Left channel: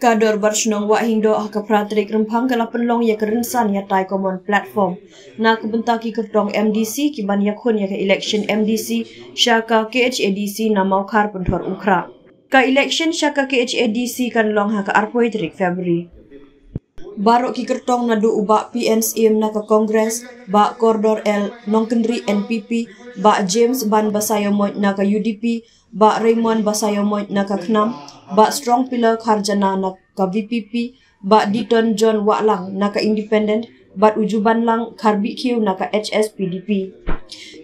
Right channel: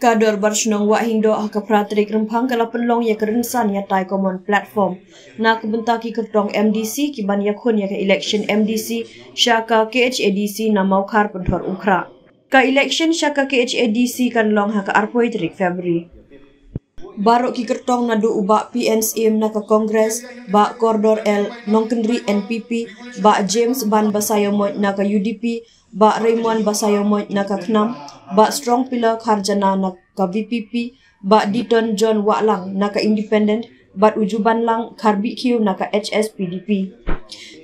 Kador bersenang wak hindo ke pratrik rempang kala penlong ya kerensan ya tai common platform. Na kebentaki kertong MDC kiban yakun ya ke election MDC syaka KHADC na maukar pentor ukra. Ka election syaka KHADC kan long ha ke arpoi trik Februari. Barok ki kertong nadu ubak PNSM na ke Kongres, bak Kordor L Nongkendri NPP, bak James Ban Basayomoy na ke UDP, bak Raymond Basayomoy na ke Knam, bak Strong Pillar Kharjana na ke VPP, bak Diton John Waklang na ke Independent, bak Ujuban Lang Karbi Q na ke HSPDP.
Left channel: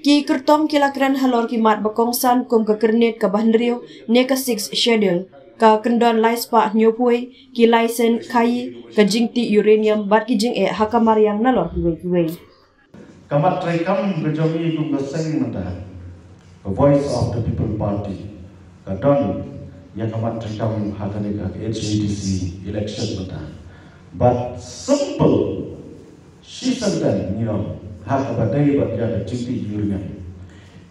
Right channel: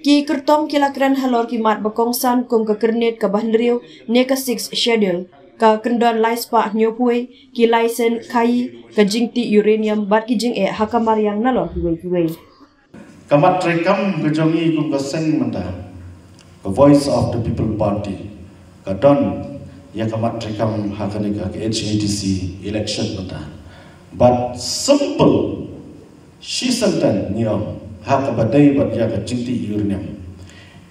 Ki kertong kilakran halor ki mat bakongsan kum ke kernet ke Bahendriu ne ke 6 schedule. Ka kendon laispa nyopui ki laisen kai ka jingti uranium bat ki jing hakamar yang nalor kiwe. Kamat rekam kejongi kum keseng menda. The Voice of the People Party. Kadon ya kamat rekam hakani ka HADC election menda. But simple she senten niom hak badai bat ya ka jingti uranium.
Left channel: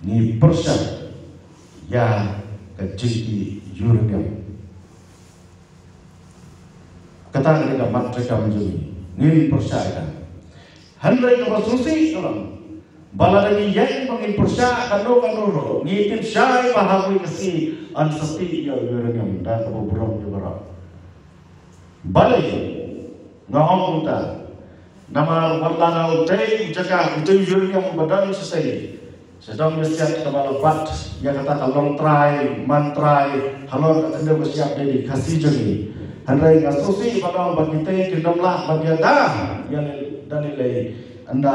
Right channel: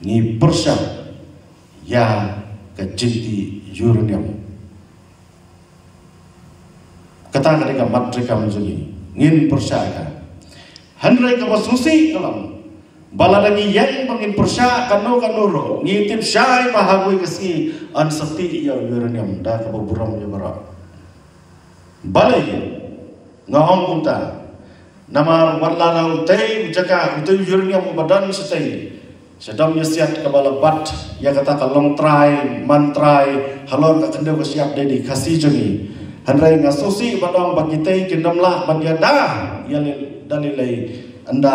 Ni persya ya ka jingti uranium. Kata mereka mereka menjadi ngin persyakan. Handai kamu susi kalau baladagi yang mengin persyakan kanuro ngitim syai mahawi kesi ansepi ya uranium dah kamu buram juga. Balai ngahong kita nama balana utai jaga utai uranium badan selesai. Sedang siap kepala bat ya kata kalong try mantrai halor katenda siap dedi kasih joni. Handai ngasusi badang bagitay kinamlah bagyada yang dalilay anda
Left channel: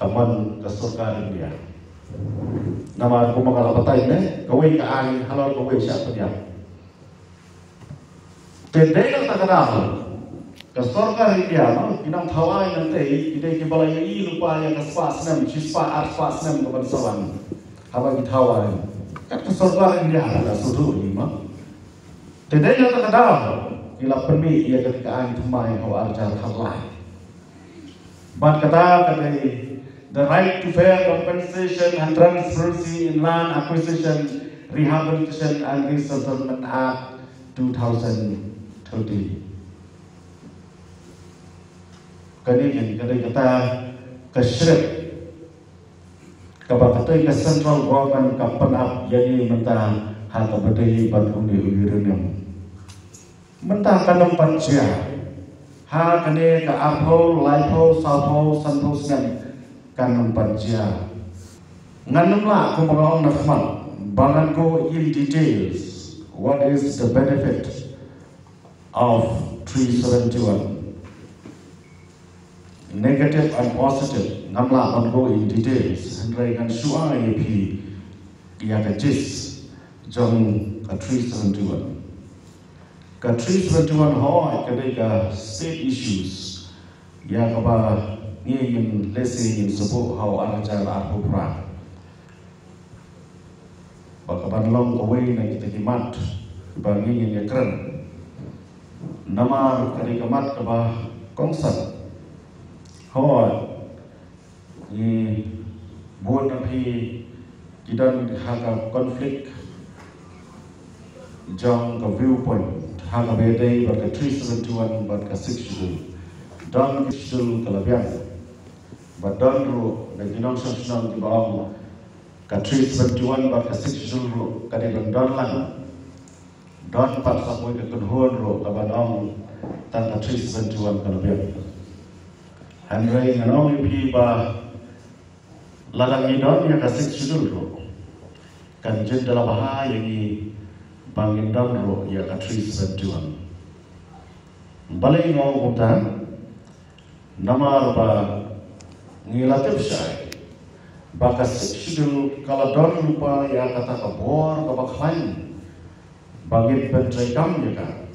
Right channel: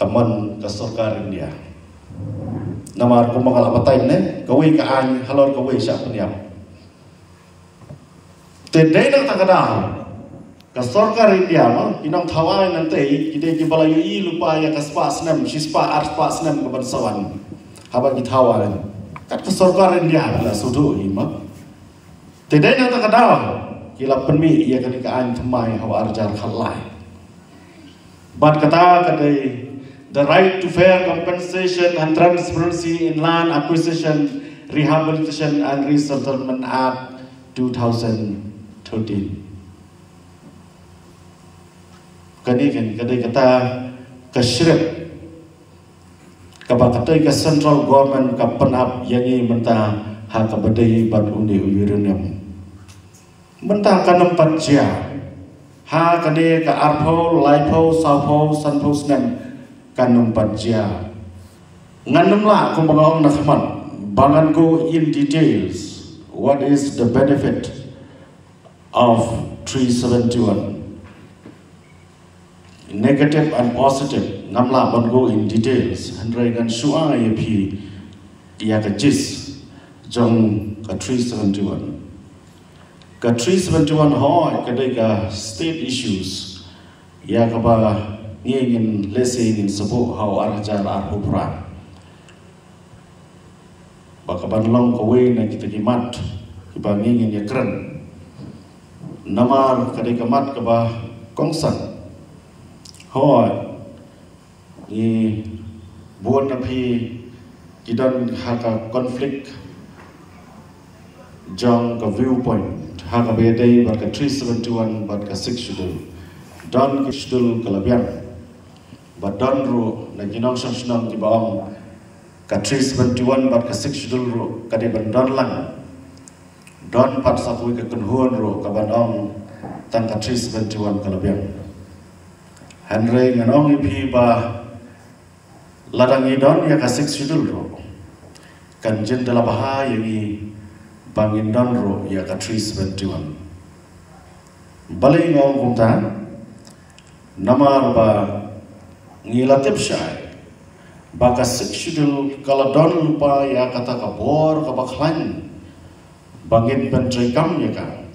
kaman kasurkan dia. Nama aku mengalapatay ne kaway kaan halor kaway siya punya. Tedai na takadal kasurkan dia no inang thawai nanti kita kibalay lupa ya kaspa senam sispa arspa senam kebansawan haba githawai kat kasurkan dia la sudu ima. Tidak ada kata kila permi ia ketika antumai hawa arjar khalai. But kata the right to fair compensation and transparency in land acquisition, rehabilitation and resettlement Act 2013. Kadai kata kesyrip kapakai ke central government kapenap yang ini mentah hak badai banundi uranium. Mentah kanum panjia, ha kane ka arpo, laipo, sapo, sanpo senam kanum panjia. Nganum lah aku mengawang nakman, bangan go in details. What is the benefit of 371? Negative and positive. Namlah ban go in details. Handrai kan suang ayepi ia kejis jong ka 371. Ka 371 hoi kadai ka state issues ya kaba ngin lesing in sabo how arjar arhupra bakaban long kawe na kita kimat kiba ngin ya keren namar kadai kamat kaba kongsan hoi ni buat napi kidan haka konflik jong ka viewpoint hak bedai bar ke 371 bar ke 6 schedule don ke schedule kalabian bar don ru na ginong sanang di bawah ke 371 bar ke 6 schedule ru kade bandar lang don pat sakwe ke kunhuan ru ka bandong tang ke 371 kalabian handre nganong ipi ba ladang idon ya ke 6 schedule ru kan jen dalam bahaya ni bangin donro ya ka 371 balai ngong kumtan nama ba ngilatip syai baka seksidul kala don lupa ya kata ka bor ka bakhan bangin pentrekam ya ka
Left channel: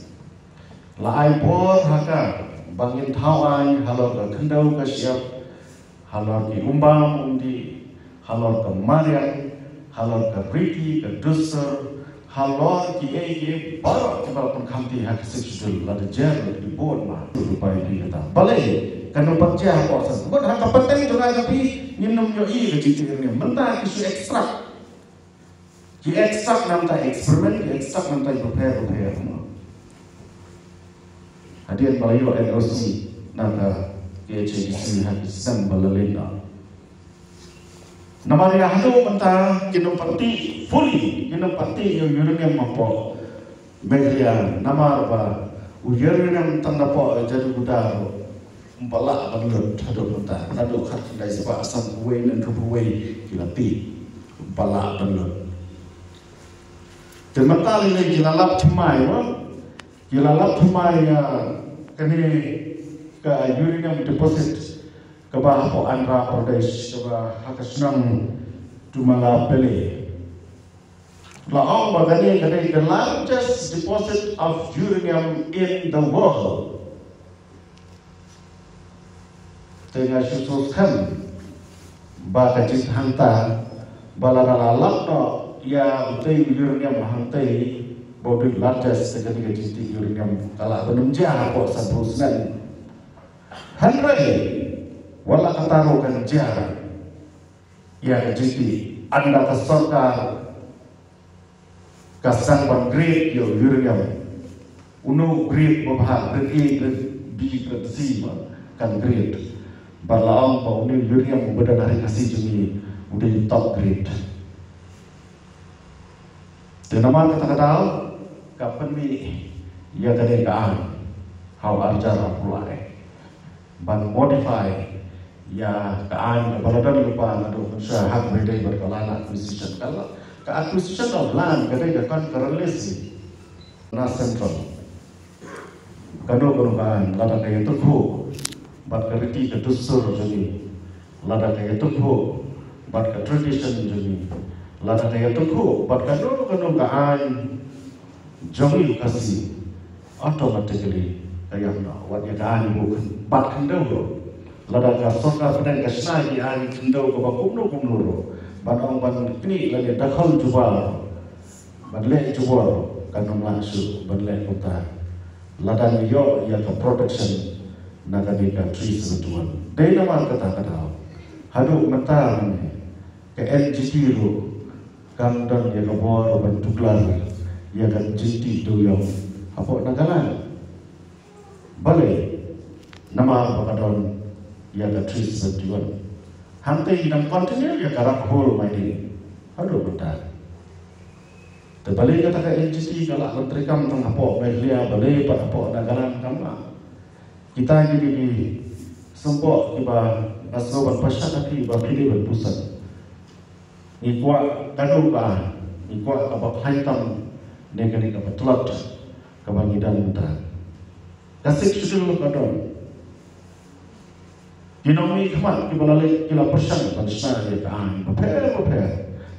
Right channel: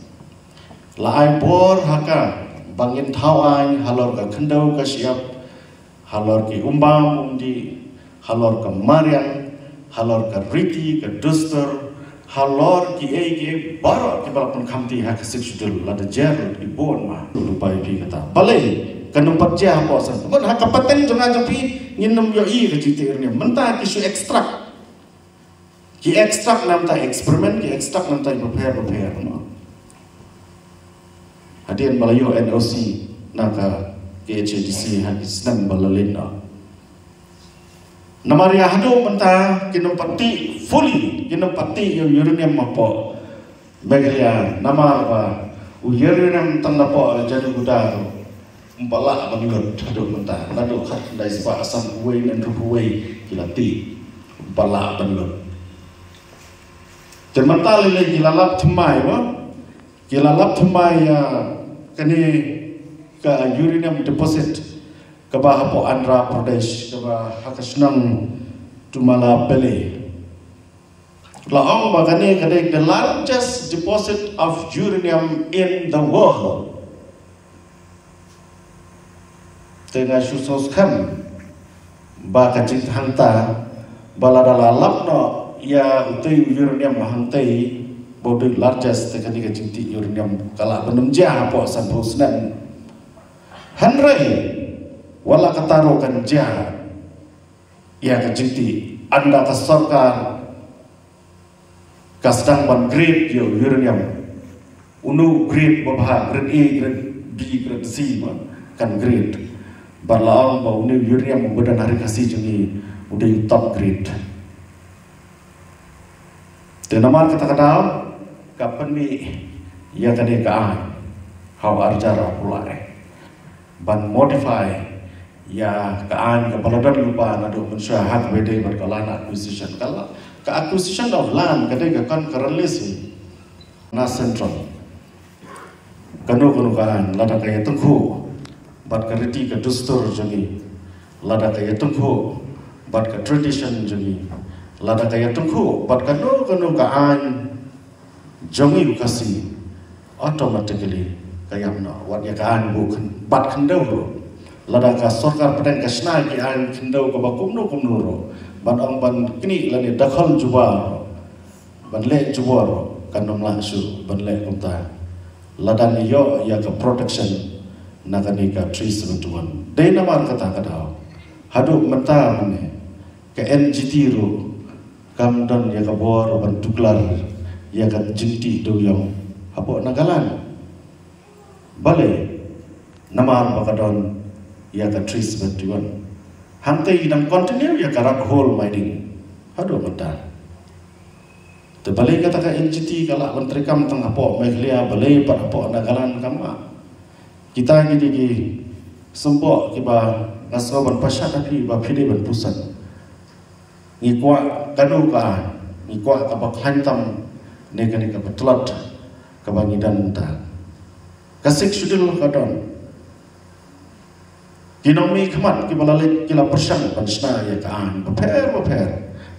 lai bor haka bangin thawai halor ka khendau ka siap halor ki umbam undi halor ka mariam halor ka riti ka duster halor ki ege barok ki balapun khamti ha kasik shudul lada jer ki bon ma lupai pi kata balai kanum patja ko san mon ha kapaten jona japi nginum yo i ke jiti ne menta ki su extract ki extract nam ta experiment ki extract nam ta prepare no kadian Malayo NOC naka KHADC Hakisnan Balalina. Namaria hado mentah kinopati fully kinopati uranium mapo bagaya nama apa uranium tanapa jadi budar umpala bangun hado mentah nado khat dai spa asam kuai nan ruwai kilati umpala bangun Jermata lele gilalap thmai no gilalap thmai kani ka uranium deposit ke Bahapo Andhra Pradesh ke Hakasnang Tumala Pele laong bagani kadai the largest deposit of uranium in the world tengah susus kan bagajit hanta baladala lapno ya utai uranium hantai bodoi largest tekani kajiti uranium kala benunja po sanbusnan hanrai wala kataro kan jah ya kajiti anda kasorka kasdang ban grade yo uranium unu grade babha grade A grade B grade C kan grade balaam ba unu uranium badan hari kasih jumi udah top grade dan nama kata kadal kapan mi ya tadi ka how arjara pulai ban modify ya kaan keberadaan lupa nado manusia hak beda berkalan acquisition kala ke acquisition of land kadai kan kerelisi na central kanu kan lada kaya tengku bat keriti ke dustur jemi lada kaya tengku bat ke tradition jemi lada kaya tengku bat kanu kaan jemi kasi automatically kaya na wat ya kaan bukan bat kendau ladaka sorkar padang kasna ki an kindau ko bakumno kumnuro badang ban kini lani dakhal jubar ban le jubar kanum langsung ban le kunta ladang yo ya ke protection naganika trees betuan dai namar kata kadau hadu mentar ne ke NGT ro kamdan ya ke bor ban tuklar ya kan jinti do yang apo nagalan bale namar bakadon ya ka trees betuan hantai hidang continue ya karak hole mining hado mata te balik kata ka NGT kala menteri kam tengah po meglia balik pada po nagalan kama kita jadi ki sempo kiba ngasro ban pasha tadi ba phide ban pusat ngikwa kanu ka ngikwa ka bakhantam negani ka betlot ka bangidan ta kasik sudul kadon Dinomi kemat kibalalik kila persang pansna ya kaan beper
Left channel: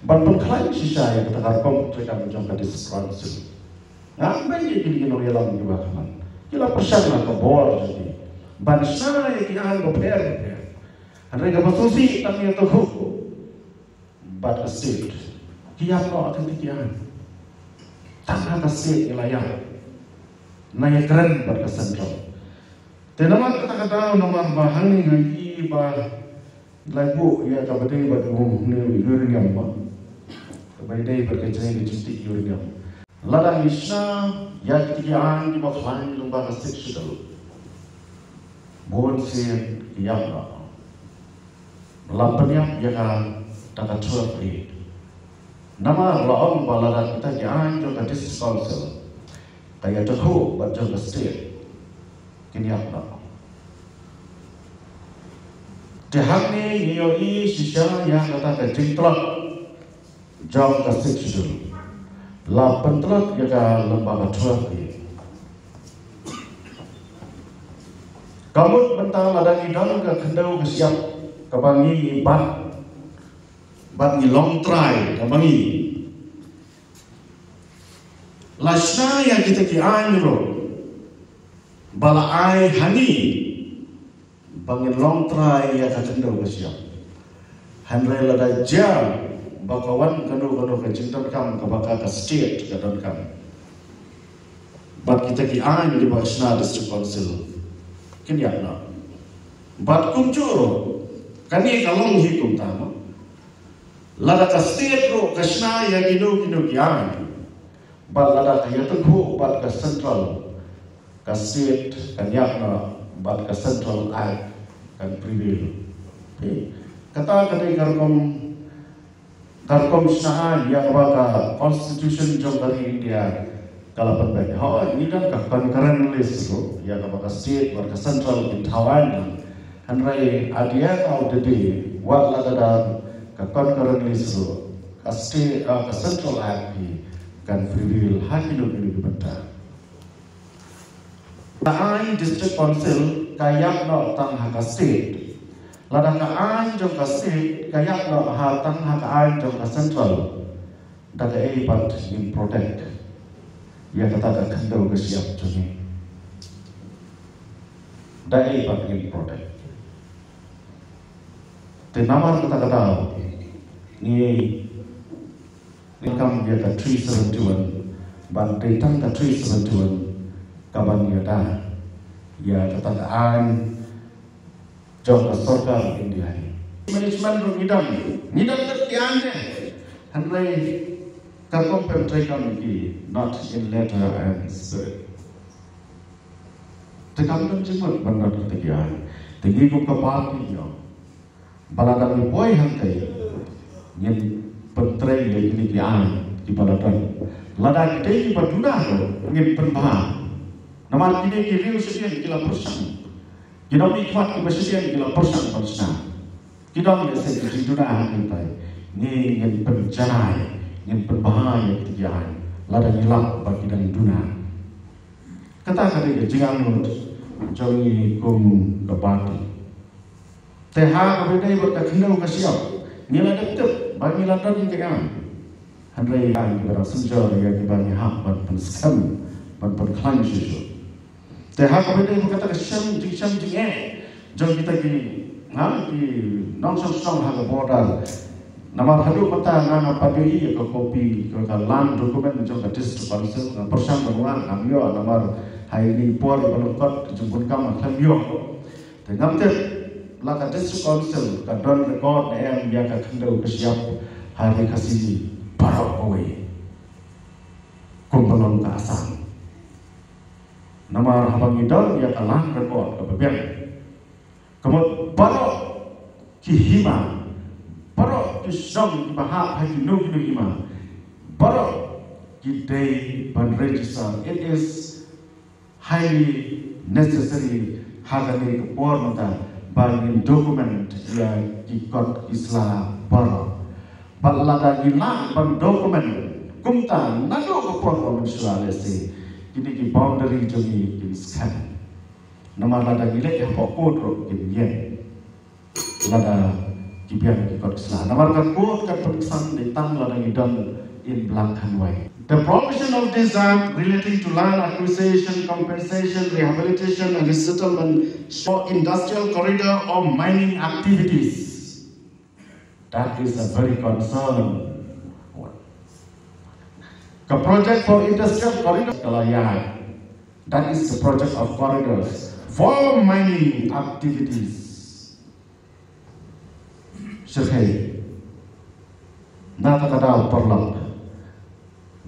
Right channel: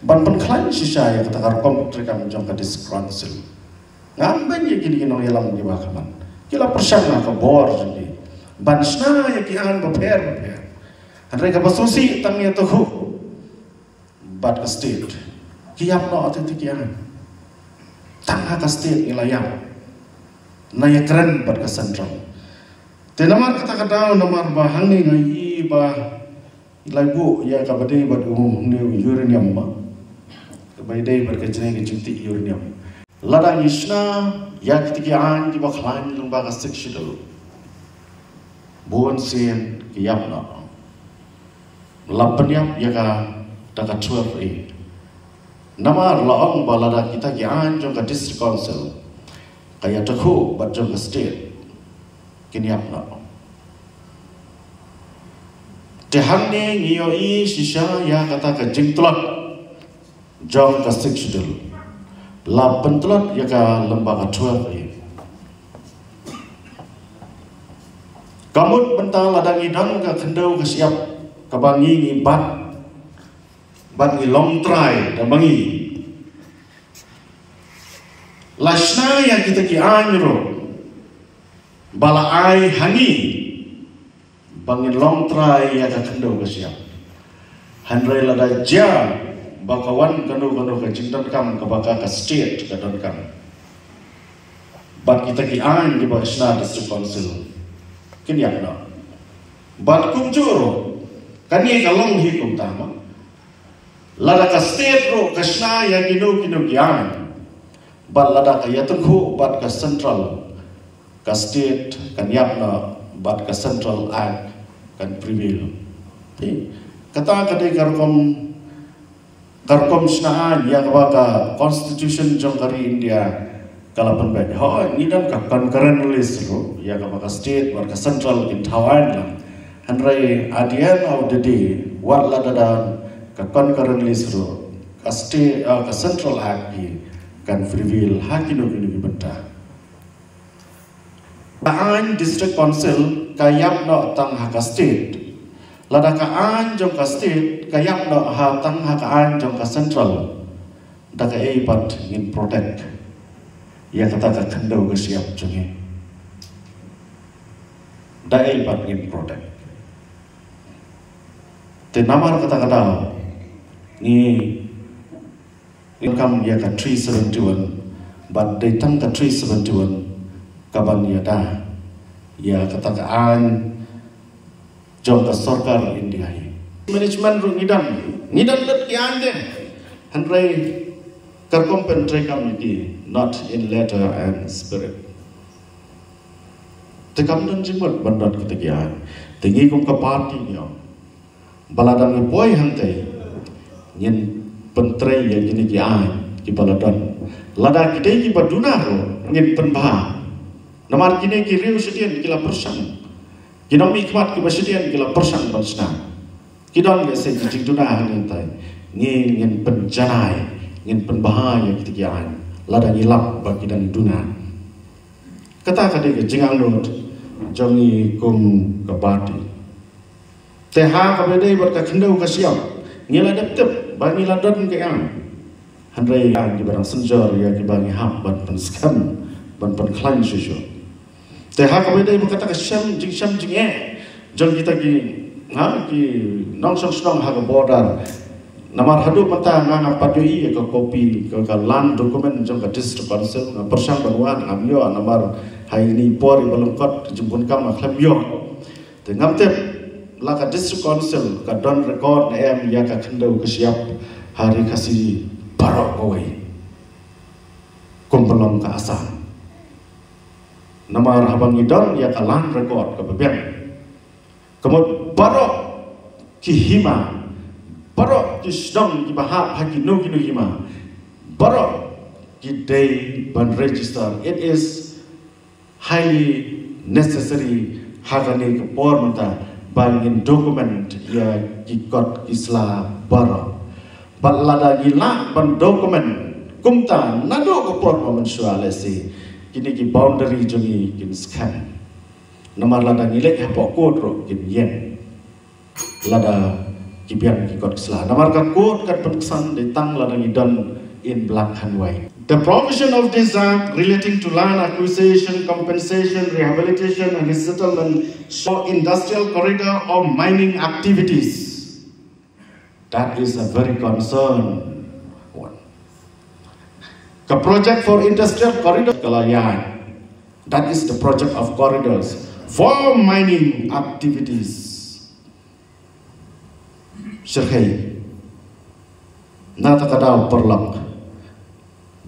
ban klan sisa ya kata karkom mereka menjong ke diskransil ngamben ya kini kinong yalam di bakaman kila persang ke bor jadi bansna ya kian beper mereka basusi tangnya tuh bat ke state kiam no atentik kian tangha ke state ilayam naya keren bat ke central tenamar kata-kata namar bahangi ngai ba lagu ya kabade ba umum ne uranium ma kabade berkecene ke cuti uranium lada yishna ya kitikian di baklan lumba ka sekshidal bon sen kiyamna lapanyam ya ka daga 12 namar laong balada kita kian jo ka district council kaya takho ba jo ka state kinyapna tehane ngiyoi shisha ya kata ka jingtlot jong ka sekshudul la pentlot ya ka lembaga 12 kamut bentang ladang idang ka kendau ka siap ka bangi bat ni long try dan bangi lasna ya kita ki anyro bala ai hani bangin long try ya ka kendo siap handre lada ja bakawan kendo ka cinta kam ka baka ka state ka don kam bat kita ki an di Bakshna district council kin yakna bat kunjuro kani ka long hi kum tama lada ka state ro kashna ya kino kyan bat lada ka yatenghu bat ka central ka state kan yakna bat ka central act kan prevail. Kata kadai karkom snaan ya ka constitution jong hari India kalapan ban ho ni dan ka concurrent list ro ya ka state war ka central in Thailand handrai at the end of the day what la da ka concurrent list ro ka state ka central act kan prevail hakino kini benta Baan district council kayap no tang haka state lada kaan jong ka state kayap no ha tang kaan jong ka central daga eipat in protect ya kata ka kendau ke siap jongi da eipat in protect te namar kata ni income ya ka 371 but they tang ka 371 kaban ya da ya kata kaan jong ka sarkar India management ro nidam dat yan de handrai karkom pentre committee not in letter and spirit te kam don jimot bandat ketigian tinggi kum ka party nyo baladang ni boy hantai nyen pentre ya gini ki an ki baladan lada kidai ki baduna ro nyen penba namar kini ki riu sedien kila persen kidom ikmat ki basedian kila persen bansna kidom ya se jing duna hantai ni nyen penjanai nyen penbahaya ketigian lada ngilap bagi dan duna kata kade ke jingang lumut jongi kum kabati teha kabede berka kendau ka siap ngila dep bagi ladan ke am handrai yang di barang senjar ya di bagi hak ban penskam ban penklan susu teha kabede berkata ke syam jing jong kita ki nongson stong ha border namar hadu pata nganga padui ka kopi ka land dokumen jong ka district council na persang banguan amyo namar haini por balongkot jumpun kam khlamyo te ngamte la ka district council ka don record na em ya ka kendau ka siap hari kasi barok oi kumpulong ka asan namar habang idon ya ka land record ka beben kemud barok ki hima barok ki sedang ki bahak haki no ki hima barok ki day ban register it is highly necessary hagani pormta bangin document ya ki kot isla barok balada gila ban document kumta nado ko porko mensuale si kini ki boundary jongi kin scan namar lada gile epo kodro kin yen lada kibian kikot islah namar kan kod kat pemeksan di tang lada ngidon in belakang way. The provision of this act relating to land acquisition, compensation, rehabilitation and resettlement for industrial corridor or mining activities. That is a very concern one. The project for industrial corridor Kalayan, that is the project of corridors for mining activities. Serhei nata kadau perlak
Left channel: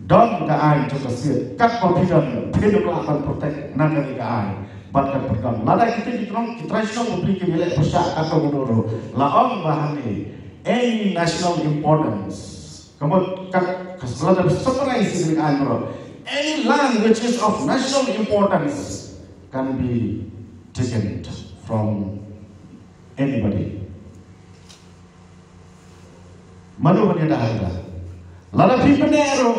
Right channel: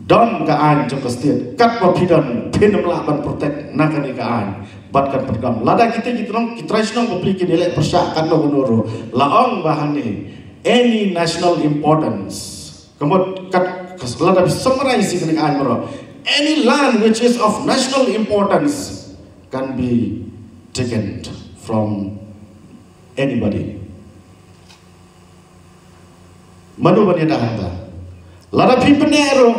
don kaan jong kastir kat papidan pin melakukan protek nakani kaan batkan perdam lada kita kitresno publik nilai persak kat menoro laong bahani any national importance kemudian kat lada summarize ini kaan bro any land which is of national importance can be taken from anybody. Manu bani dah lada pi penero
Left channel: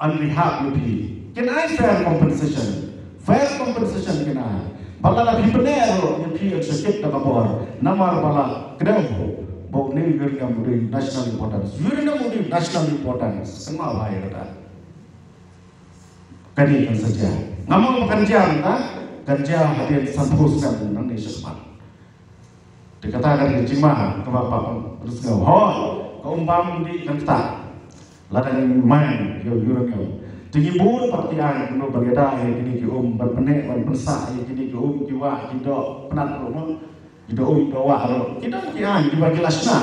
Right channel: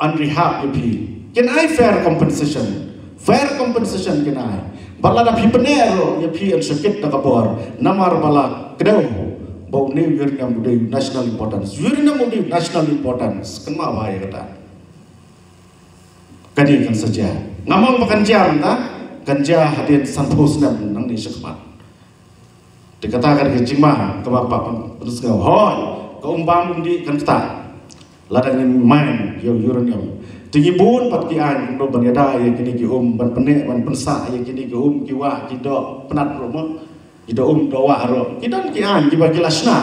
on behalf of pi. Can I fair compensation? Fair compensation can I? Balada pi penero ya pi an sakit na kabor namar bala kedau bau ni yurina mudi national importance. Yurina mudi national importance. Kenapa bahaya kata? Kadi kan saja. Ngamong makan jam ta? Ganja hadir sampus dan nang ni sekmat. Dikatakan ke cimah ke bapak terus ke keumpam di kan tak ladang main yo yuron tinggi bun pat ki an no baniada ya kini ki ban penek ban pensa ya kini ki ki wa ki do penat ro ki do doa ro kita ki an ki bagi lasna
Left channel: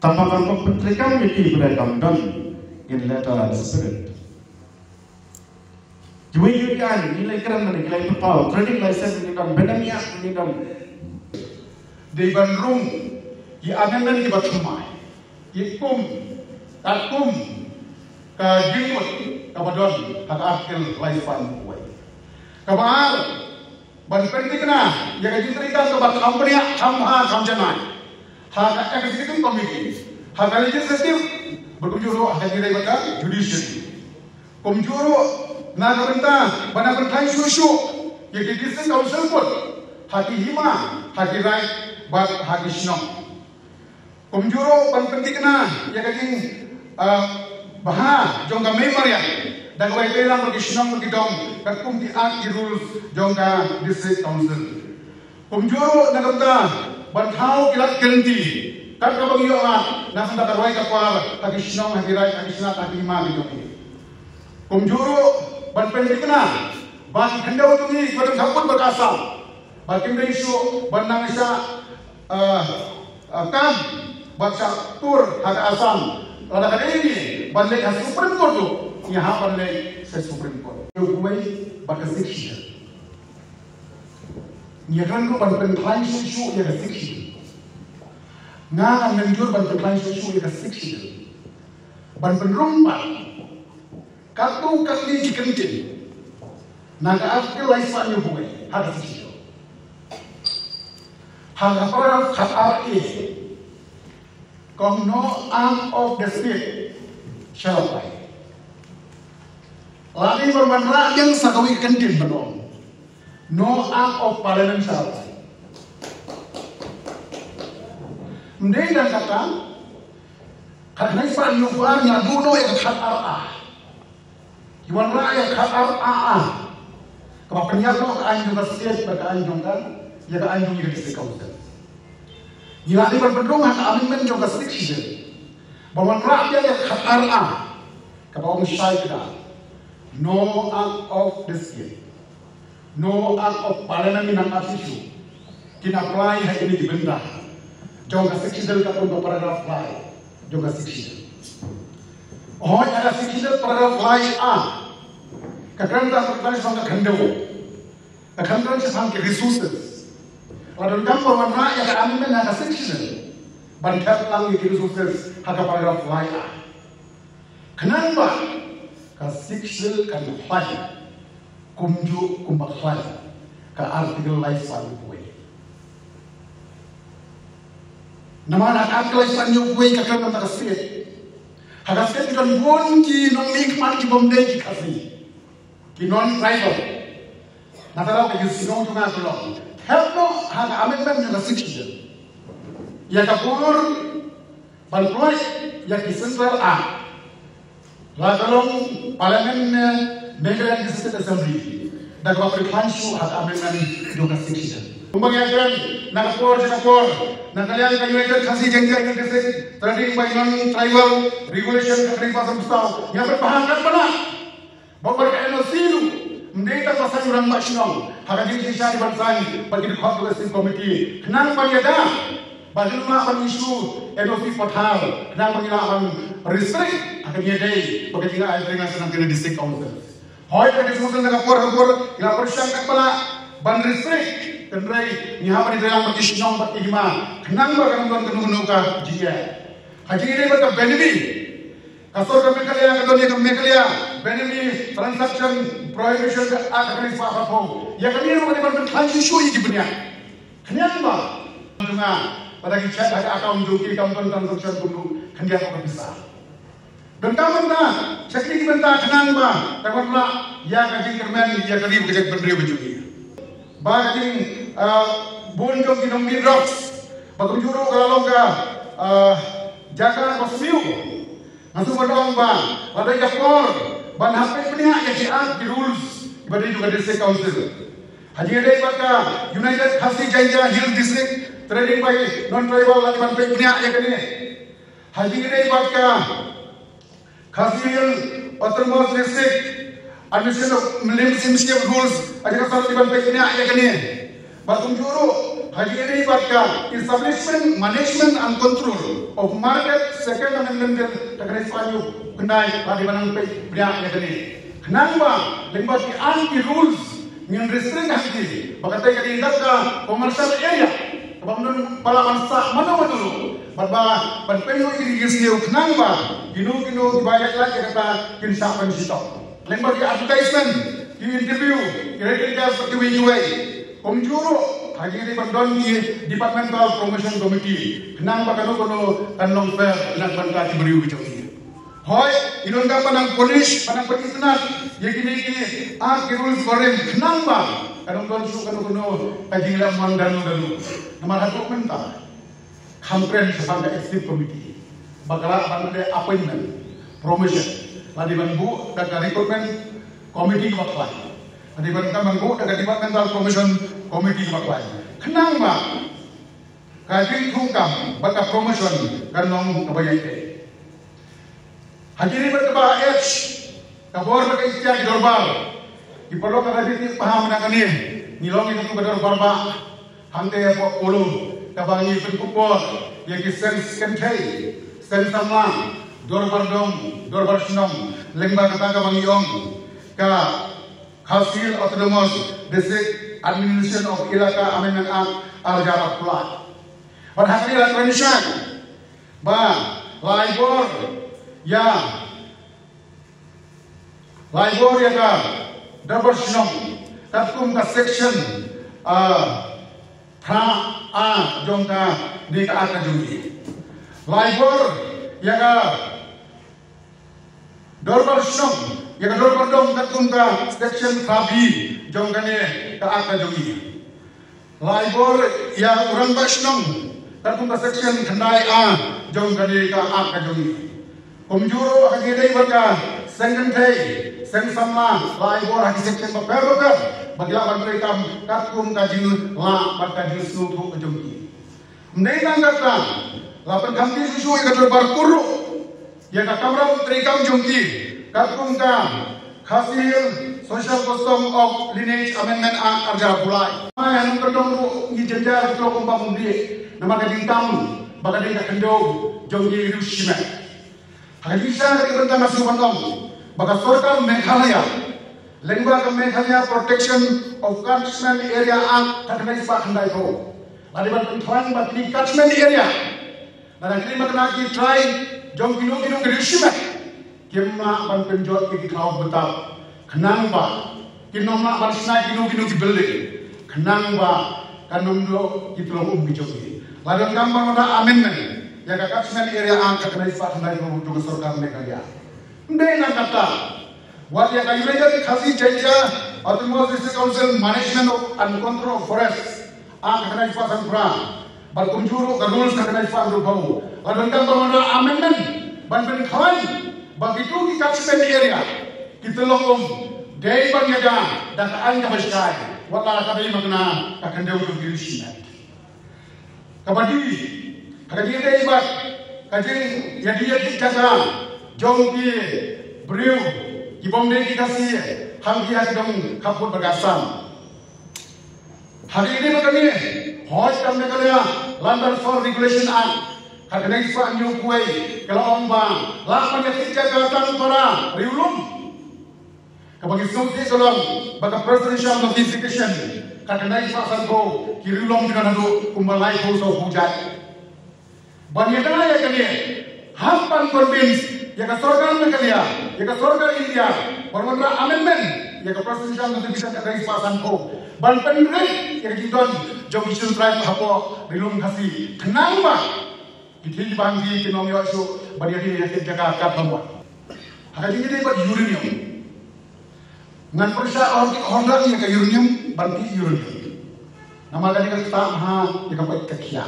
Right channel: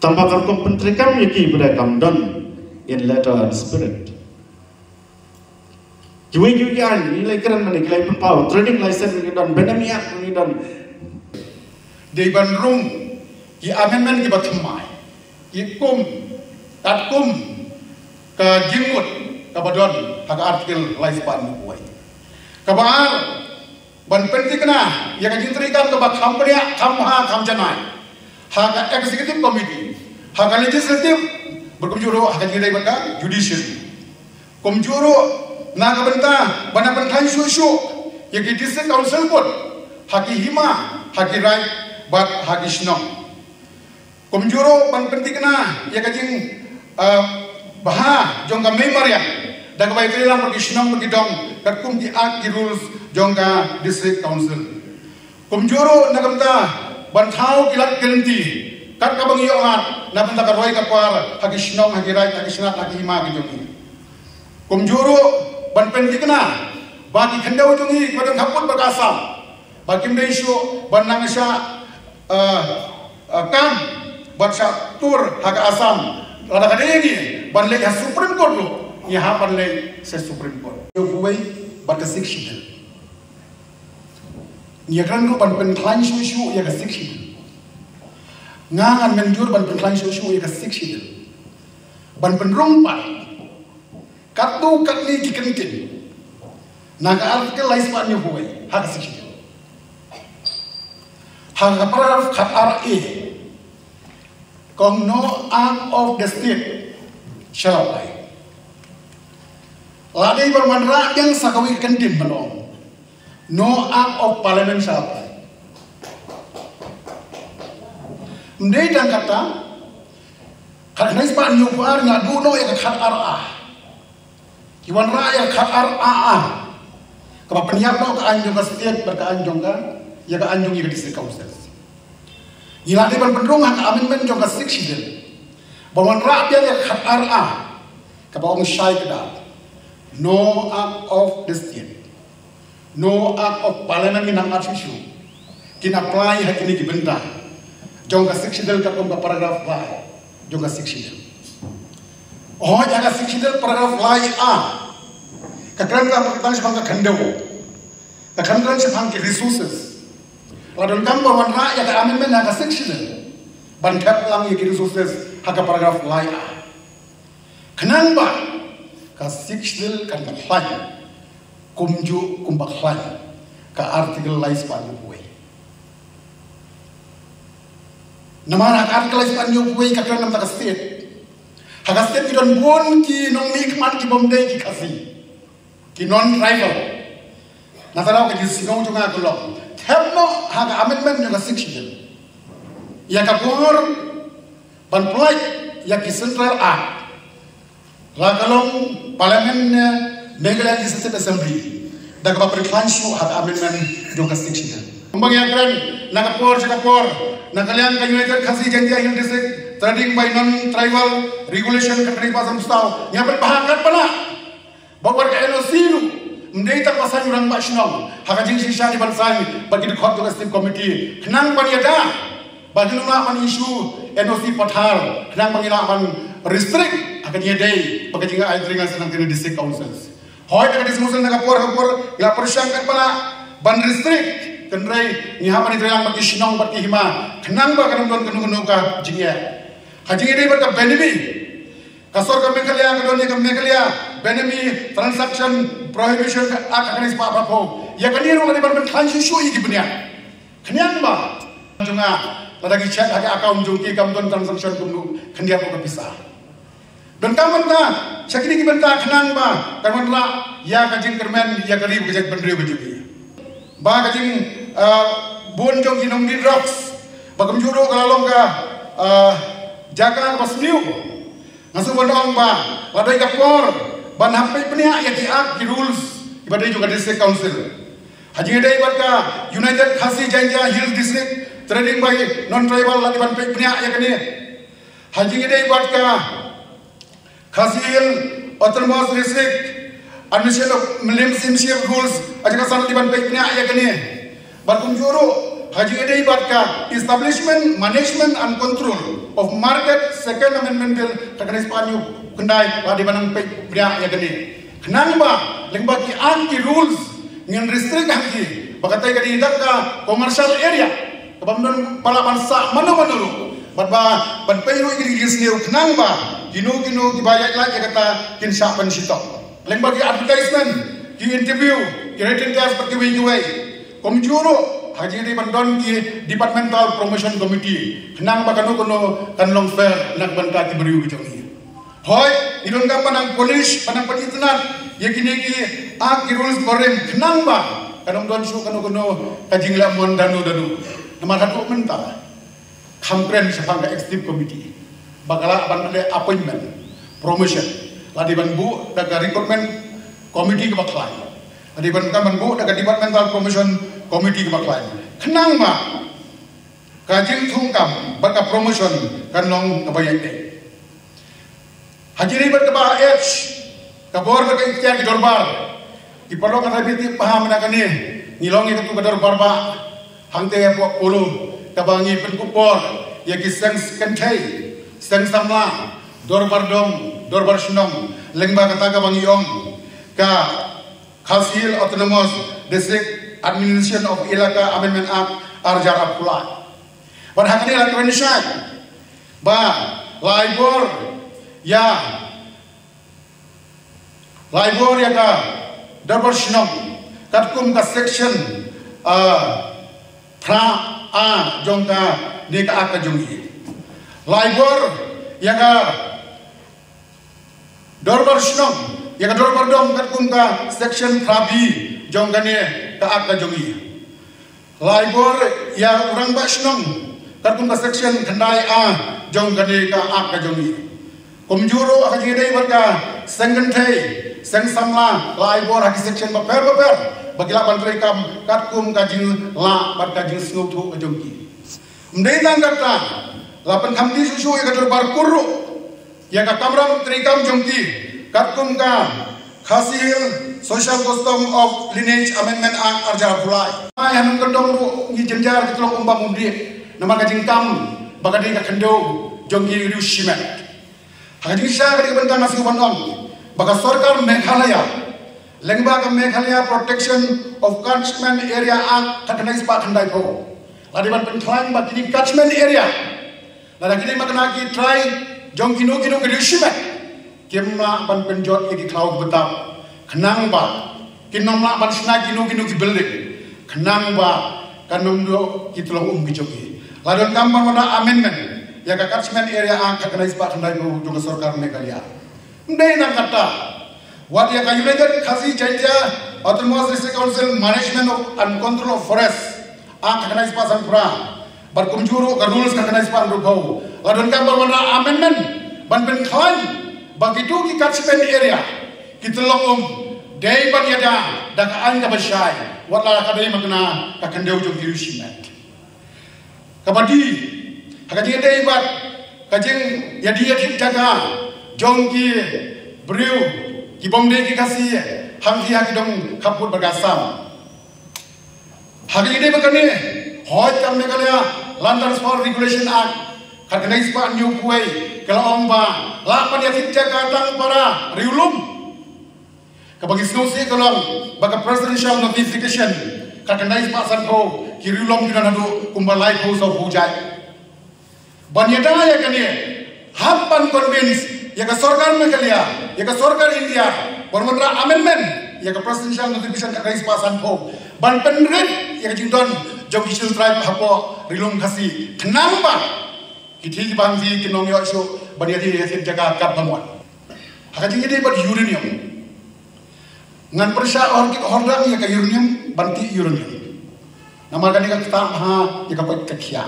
tambahkan pentrikan ya ki pada kam don in letter and spirit Jual jual nilai keren mana nilai pempau trading license ni dan benamiak ni dan di bandrung ki amendment ki batimai ki kum kat kum ka jingkut ka badon hak artikel lifespan buai ka baal ban pentikna ya ka jintrikan ka bak company kamha kamjanai hak executive committee hak legislative berkunjuru hak jadi benda judiciary kumjuru na kabanta bana berkan susu ya ki district council pun haki hima haki right bat haki shnong kumjuru ban pentikna ya kajing baha jongga memorial daga bai kelang haki shnong haki dong kum di act di rules jongga district council kumjuru na kabanta ban thau kilat guarantee kat kabang yo at na banta kadwai kapar haki shnong haki right haki snat haki hima haki jong kumjuru ban pentikna bagi khendaw tungi kodang khapun berkasam bagi meisu ban nangasya kam baca tur hak asam lada kadegi ban lek supreme court lo yaha ban lek se supreme court yo buai bat section ni kan ban pentlan shu ya section ngan menjur ban pentlan shu ya section ban penrong pat katu katli dikentin naga artikel lifespan yo buai hak section hak aparat khat RA kong no arm of the state shall apply. Lagi bermanfaat yang sakawi kentin belum. No arm of parliament shall apply. Mendai dan kata karena ispan nyupar ngadu no yang khat RA. Iwan ra yang khat RA. Kapa penyiap no ke anjung ke state berkeanjung kan ya ke anjung yang district council. Yang ada berpendung hak amendment juga section. Bawan rakyat yang hak RA kepada syai kita. No act of the state. No act of parliament minang issue. Kina apply hak ini dibentah. Juga section kepada paragraf lain. Juga section. Oh, jaga section paragraf lain A. Kekeren kan sebangga kendewo. Kekeren sebangga resources. Ladon gambar warna yang amendment ada section bantat lang yang resources hak paragraf lain. Kenapa? Ka section kan lain kumju kumbak lain ka artikel lifespan way. Nama artikel lifespan way ka kan tak state. Hak state kita pun ki nong nikmat ki bomdai ki kasih ki non rival. Nasalau ke disinong juga kelok. Hello, hak amendment juga section. Ya kapur ban play ya ki central A. Lagalong parlimen Meghalaya Legislative Assembly. Daga perklanshu hak amendment juga section. Kumbang yang keren, nak kapur, nak kalian kan United Khasi Janjai Hill District, trading by non-tribal regulation kekering pasam stau. Yang berbahagian pula, bawa ke LOC lu. Mendai tak pasal orang nasional, hak jing sisa di bansai bagi dikhot legislative committee. Kenang paniada, bagi nulakan isu NOC Pathar, kenang mengilakan restrict hak diadai bagi jing air dengan sedang kini district councils. Hoi tak dismusul nak kapur, ila persyangkat pala ban restrict kendrai ni hak ni terang bagi sinong bagi hima. Kenang bagi kenung ka jingya. Haji ini berkat benemi. Kasor ke Meghalaya, ke Meghalaya, benemi transaction prohibition act against Pak Prabowo. Ya kan ini rumah di berbentuk isu ini benar. Kenyan ba? Juga lagi cek agak akaun jungki kamu transaction dulu. Kenyan bukan bisa. Dan kamu tak cek ini bentar kenyan ba? Kamu tak ya kajing kermen ya kerib kejak berdiri bejuki. Ba kajing bonjong kinong di drugs. Bagum juru kalau ka jaga pasmiu. Masuk berdong ba? Ladai kapor. Ban HP penia yang di rules ibadai juga district council. Haji idai barka United Khasi Janjai Hill District trading by non-tribal lagi ban penia yang kini. Haji idai barka Khasi Hill Autonomous District administration membership rules aja kasar di ban penia yang kini. Barkum juru haji idai barka establishment management and control of market second amendment bill terkait Spanyol kendai pada mana pria yang gede. Kenapa? Lembag ki anti rules ngin restrict haki. Bakatai kadi hidak ka commercial area. Kabamdon palapan sa mano-mano. Ban payo kiri gisliu kenapa? Kino dibayar lagi kata kin syapan sitok. Lembag ki advertisement, ki interview, ki written test seperti WUA. Komjuro hajiri bandon ki departmental promotion committee. Kenapa kanu kanlong fair nak bangka ki beriu bijak. Hoy, idon ka panang punish, panang panitnat, ya kini ki rules goreng, kenapa? Kanong don su kanu kajing lamon danu. Nama katuk minta, kampren sepang ke executive committee, bakalah bandele appointment, promotion, ladi banbu daga recruitment committee kebaklai, ladi banbu daga departmental promotion committee kebaklai. Kenapa? Kajing tungkam, baka promotion kanong nabayai. Hajiri berkebah H, kabor berkaitan di dorbar. Di perlu kata bintik paham nak ni, ngilongi itu ke dorbar ba, hangte buat ulu, kabangi penkupor, ya kiseng kentai, seng samlang, dorbar dom, dorbar sunam, lengma kata kabangi om, ka Council Autonomous District Administration of Ilaka Amendment Act Arjara Pula. Berhakni lakukan nisyan, ba laibor. Ya, Laibor ya ka dapat senang katkum ka section pra a jongka di ka akajungi. Laibor ya ka dapat senang ya ka dapat dong katkum ka section pra b jongka ni ka akajungi. Laibor ya orang ka senang katkum ka section kendai a jongka ni ka akajungi. Komjuro haki dai berka sengentai seng samla laibor haki section beper bagilah bantrai kam katkum kajing la berkajing snutu kajungki. Mendingan kata lapan kamdi susu ya kadar barkuru ya ka kamra bantrai kam jungki katkum ka hasil social custom of lineage amendment act Arjara Pulai. Yang kedong ngi jenjar kita lompang mundi nama kajing kam bakadai ka kendo jungki rushimet. Haji Shah dari benda nasi panam, baka Sarkar Meghalaya, Lembaga Meghalaya Protection of Catchment Area Act terkena ispat hendai ko. Ladi ban pentlain bat ini catchment area. Ladi kini makna ki try jong kinu kedushimet. Kimla ban penjot ki klau betap. Kenang ba kinomla ban sna kinu ki building. Kenang ba kanum do ki tulong bijoki. Ladi gambar mana amendment. Ya catchment area ang terkena ispat hendai ko juga Sarkar Meghalaya. Ndai nak kata, wat ya kayu lejar khasi janja Autonomous District Council Management and Control of Forest ang terkena ispat sampra. Berkunjuru ke rules terkena ispat rubau. Ladon gambar mana amendment ban klaim begitu di catchment area kita lom dai ban yada dak ain ka basyai. Wat la kadai magna ka kendau jong dirishimet. Kabadi Kajing itu ibat, kajing ya dia jaga, jong ki beriu, ki bomdai ki kasih, hang dia ki dong kaput bergasam. Hari ini begini, hoi kami Meghalaya Land Transport Regulation Act, kena ispat new kuai, kalau ombang, lapan ya jaga tang para riulum. Kabagi snosi kalau baga presidential notification, kena ispat sanko, ki riulum kita nadu kumbalai kuso hujai. Banyatana ya kani hampan convince ya ka Sarkar Meghalaya ya ka Sarkar India bermatra amendment ya ka presidential notification ka rais pasan po ban penrit ya ka jindon jong isu tribe hapo rilum khasi kenapa kiti banzi kinong yo isu banyati ya sit jaga kap namwa hakati ide bar uranium ngan persya orang ya ka uranium banti uranium nama kani ka ha ya ka pot kakhia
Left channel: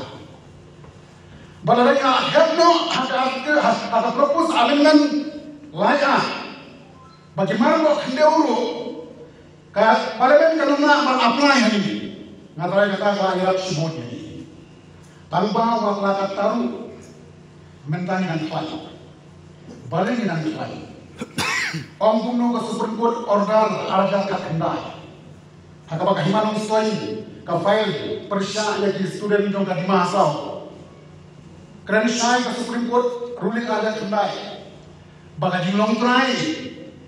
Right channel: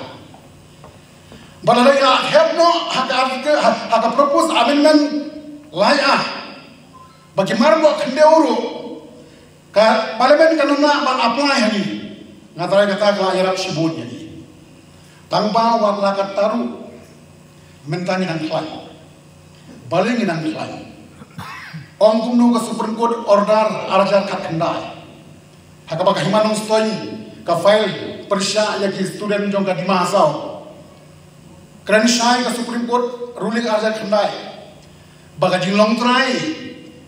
Balalaya helpno haka propose amendment laya bagi marmo kende uru ka parlemen kanuna bang apply hani ngatara kata ka yarap sibut ni tanpa wala kataru mentani nan klai baling nan klai om kumnu ka Supreme Court order arajan ka kendai haka bagi himanung stoi ka file persya ya ki student jong ka dimahasau Kerana syai ke Supreme Court ruling arja kendai, baga jinglong try,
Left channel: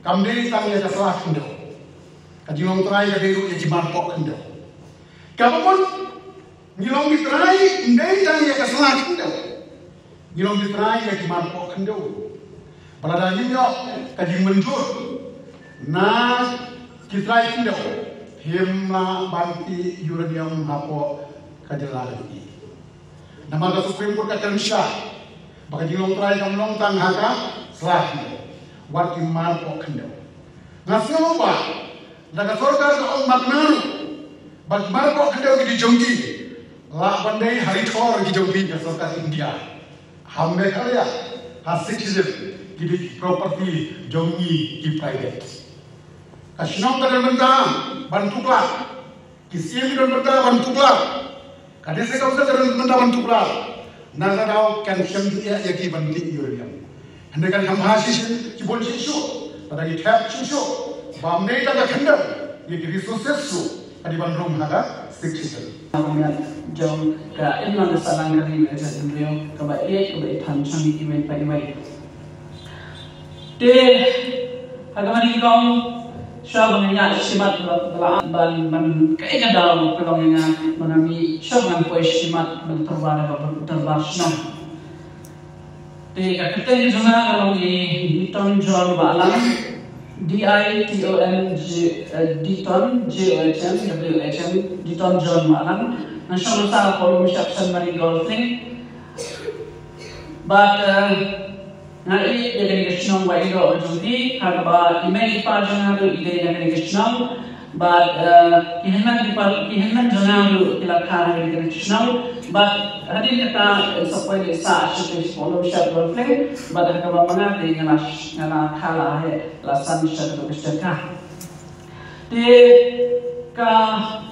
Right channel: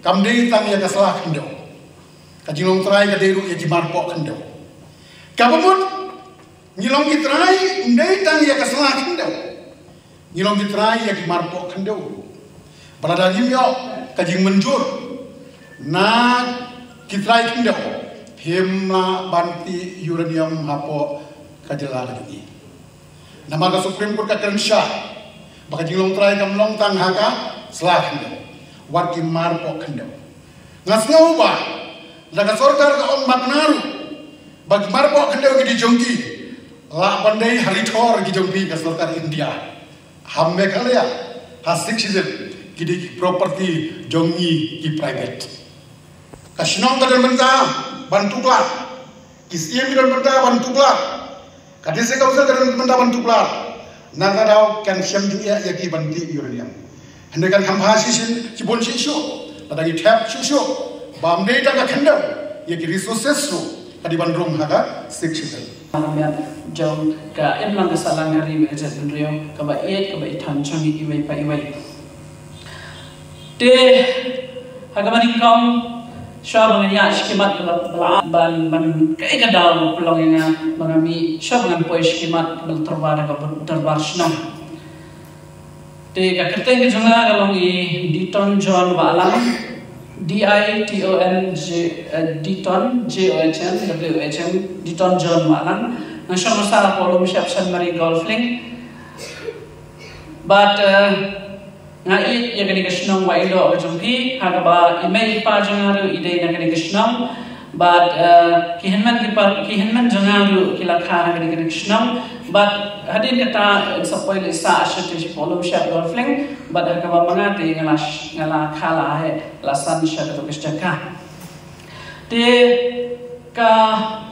kamdei tam ya kasalah kendo kajilong trai kaderu ya jimarpo kendo kabamon ngilong kitrai ndai tam ya kasalah kendo ngilong kitrai ya jimarpo kendo pada yo kajing menjur na kitrai kendo himna banti uranium hapo kajela lagi nama ka Supreme Court ka Kensha baka jilong try kam long tang haka slash wat ki mar po kende ngasngo ba daga sorkar ka magnaru bag mar po kende ki jongki la bandai haritor ki jongki ka sorkar India hamme kalya hasik citizen ki property jongi ki private kashnong ka benta bantukla kisian ki benta bantukla kadise ka usah ka benta bantukla nagadau kan siam dia ya ki banti uranium hendakan hamba sisi cibon sisi tadi tap sisi bamde ta ka khanda ya ki resources su kadi bandrum haga siksi jom ka emma ga salangari me jan reo ka ba ithan chami ki mai pai mai te hagamani kom syab ya istimat ban kai ga daw pelong nga manami syab ngan po istimat bel terbar snom te ka kita ni jonga along diton John balang DITON diton JOHM diton John balang national star kolom syab san mari golfing but ngai ya kani krishnam wa ido jumpi harba email pa jangaru ide na kani krishnam but kihenman jangaru kilakha na kani krishnam but hadin kata sapoi le sa ashitish polo shat golfling but hakaba mangate ngala khala hai lasan shat to kishaka te ka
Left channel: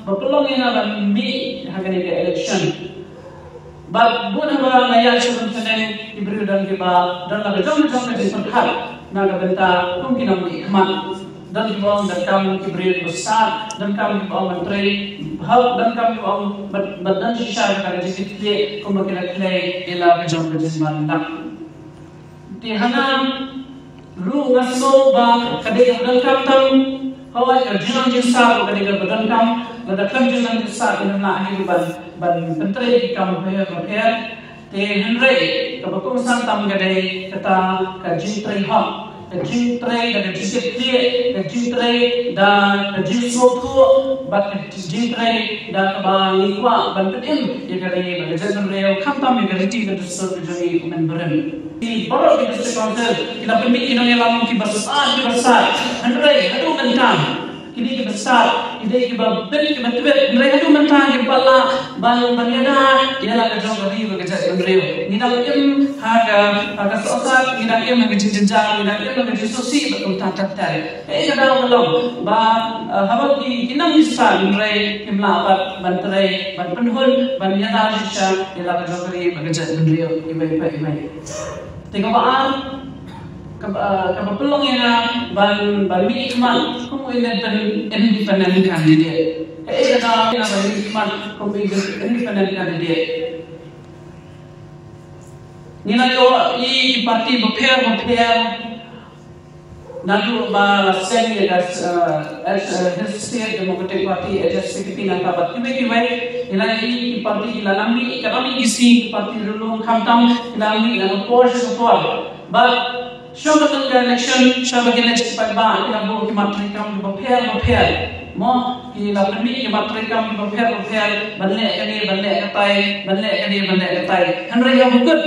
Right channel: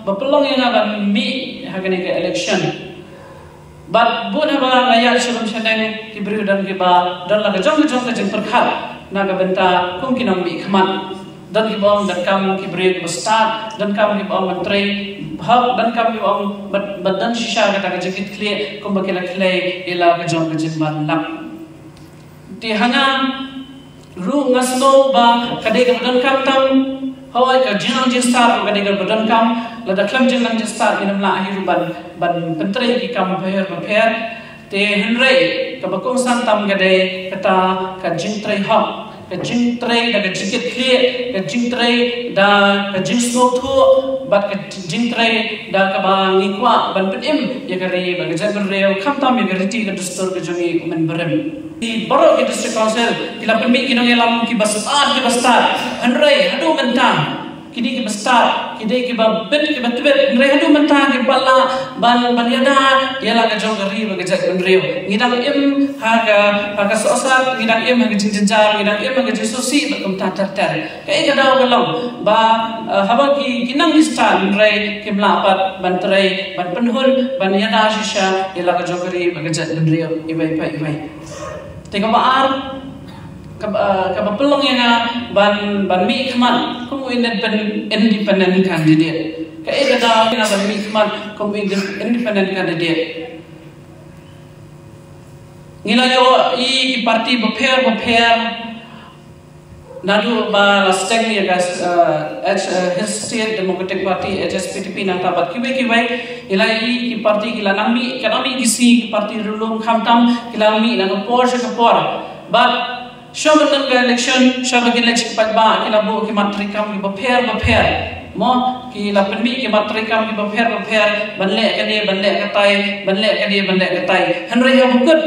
bapelong yang akan mi hakani ke election but bukan apa layak sebelum sedang diberi dan kita dan laga jom ka jeng perkara naga benta mungkin ambil khmat dan ibang dan kamu kibrit besar dan kamu ibang menteri hal dan kamu ibang badan sisa kata jekit kle kumbakira kle ila ka jom ka jeng manap di hanya ru ngasno ba kadai dan kamu tam hawai ka jeng star kadai badan kamu lada klam jeng star in la akhir ban menteri di kamu per te henry kabakong santam gade kata ka jintrei ha ka jintrei da jikit kle ka jintrei da ka jinsmo thu bat ka jintrei da ka ba ngikwa ban pedim ya gare ba jaban reo khamtam ya gare ti ka distur ka jogi men berem di baro ki district council kila pemi ki nang lamong ki basar henry adu mentang kini ki besar kini ki babet ki betbet mereka tu mentang ki bala ban yada ialah ka jong gari ba ka reo ngidang im haga sosar ngidang im haga jinjar ngidang im haga susi bekum tatar kai kada belum ba haba ki kinang istan rei kimla bat ban trai ban penhul ban yada shisha ialah ka jong gari ba ka reo ibai tengok baan kapapelong yang ban mi keman kamu independent candidate kaya kada ban mi keman kamu independent candidate ngila yo i parti beper nadu ba stem ya gas his state democratic party HSPTP nata bat kibai ila i parti kila nami kadami isi parti rulung khamtam kila nami ila Porsche but Shaman election, Shaman election pagba, kita buku ki matrikam ki beper, mo ki la penmi ki matrikam ki beper, banle katai, henry yang bukan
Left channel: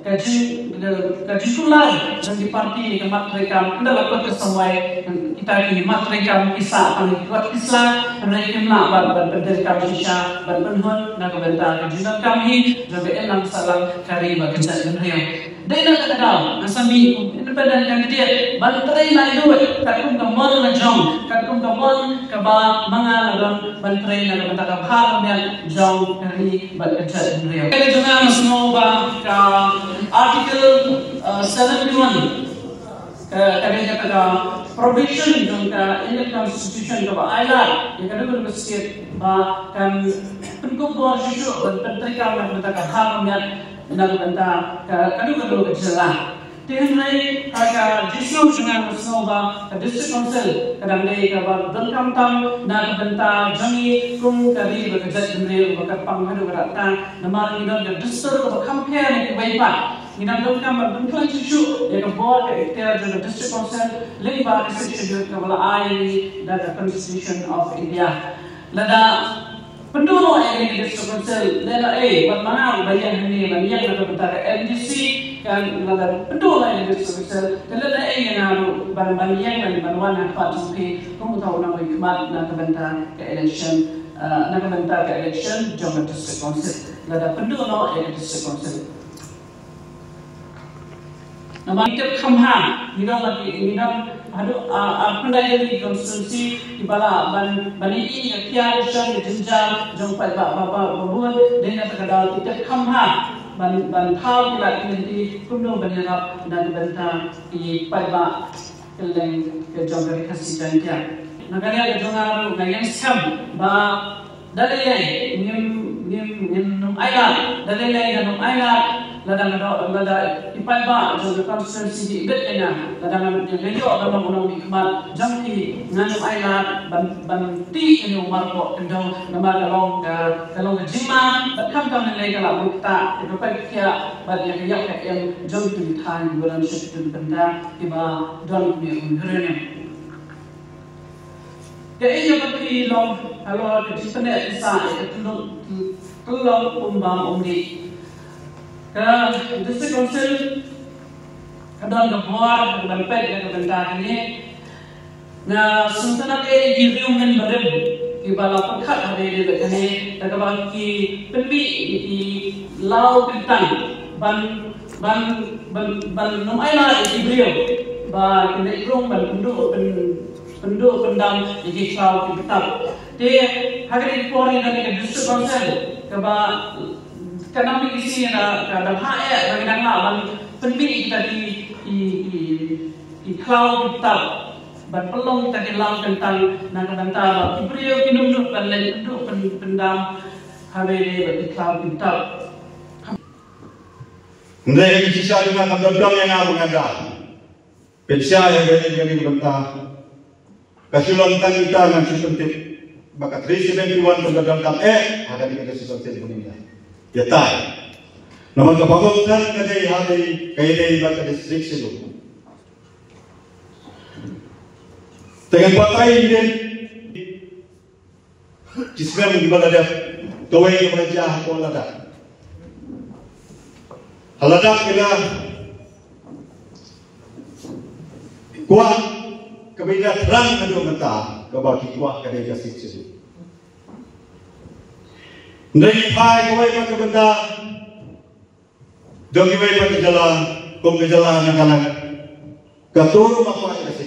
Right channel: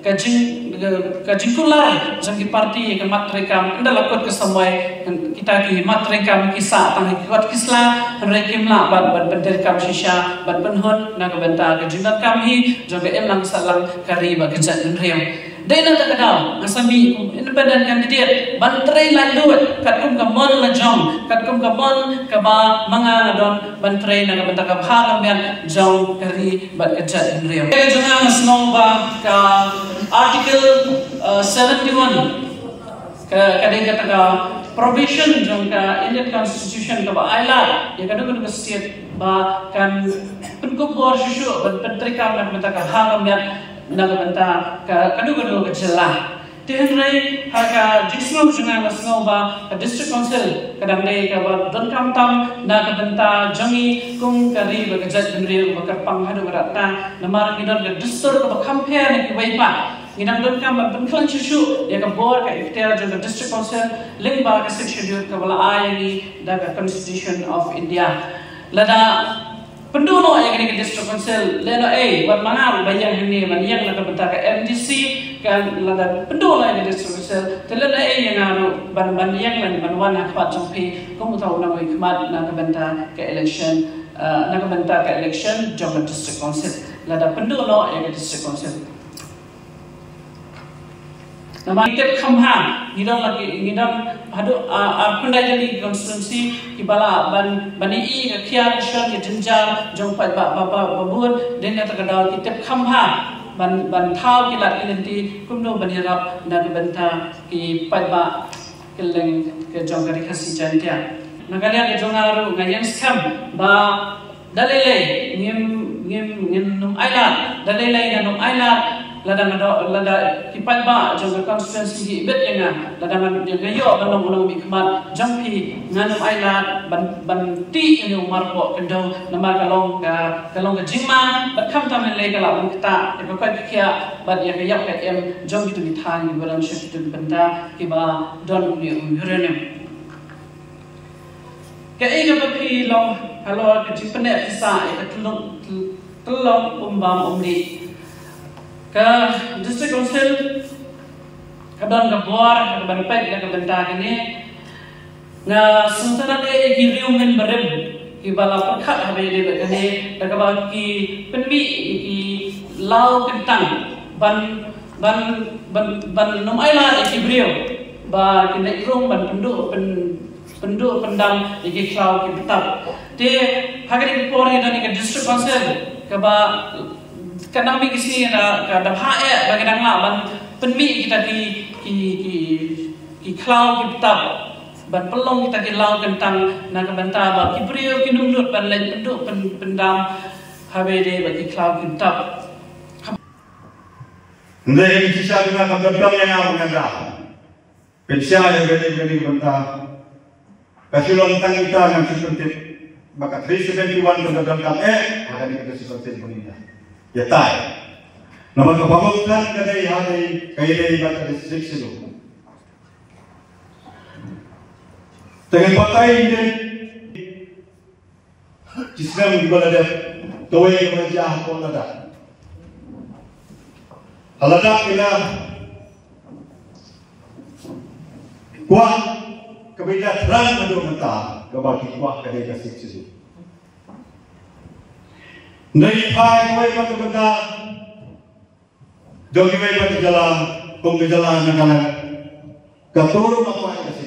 kajin kulai, jangan parti ki matrikam, anda lakukan kesamai kita ki matrikam kisah kami kuat kisah, henry kimla ban penderkam shisha, ban penhun nak bentar kajinat kami, jaga enam salam kariba kejat henry. Dena tak ada, nasabi independent candidate, bantrai lalu, katkum kamon na jom, katkum kamon kaba mga nadon bantrai na bentak kabhag ambian jom kari bat kejat indriam. Kaya jangan semua bang ka article 71 kadang kata probation jom ka Indian Constitution kaba ayla, ya kadang state ba kan penkubor susu bantrai kam bentak kabhag ambian nak bentang kadu-kadu kejelah Tihenrai ka jisno junga masno ba ka district council kadang le ka ba don kam tam na ka benta jangi kum kari ba ka jat dimre ba ka pang hadu rata namar ni don ka distur to compare ni bai pa inam don kam ba bunklan chu ya ka board ka iftar jo district council ling ba ka section ka bala ai ni da ka constitution of India lada penduno yang ini district council lena buat mana banyak ini banyak nak bentar MDC kan lada penduno yang district council lena yang anu ban yang ban wana pat jumpi kamu tahu nak ikmat nak bentar ke election jom district council lada penduno yang district council nama kita kamha ngidam hadu pandai jadi konstitusi ibala bani i kia shan jenja jong pai ba babun den kata kadal kita kamha ban thau kila nanti kumno bani rap dan benta ki pai ba keleng ke jong kari khasi jantia naganya ke jong aru ngayen scam ba dalile ngim num aya dalile num aya lada ipan ba jong constituency bet ena lada yo banong bikmat jampi nganu aila ban ti enu marko kendong namar kalong ke jima kam tam le kala mukta e pa kia bad ya ya ka em jong tu thang balam shit tu benda iba don ni hurene ke e jo ki long halo ke tipne sa e tulong umba umdi ka district council kadang kabuar kadang pet kadang bentang ini nga suntana de giriungan baril ibala pakhat habe de kane takaba ki penbi ki lau kentang ban nom aila ki brio ba kine irong ban penduk pendang ki klau ki betap de hagari pori dan ke district council kaba kadang kisi na kadang hae kadang ban penbi kita ki klau kita ban pelong kita di laut tentang nak bantah ki brio ki nunduk ban lain nunduk pendam habe de bagi klau kita ndai ki sisa na kam dong yang aku ngada pensya yang gede bantah kasulon tang kita ngam suntit baka 371 ko dong kam ada ni ka suntit bunina ya tai naman kapagutan kade yadi kayle baka district sido Dengan pakai ini, kisah mengibadah dia, toy yang menjah aku lada. Halada kita, kuah kebeda terang adu mentah, kebagi kuah kedai kasih sisu. Dari pai kau yang kebeda, dongi kau jalan, pembejalan yang kalah, keturun apa yang kasih.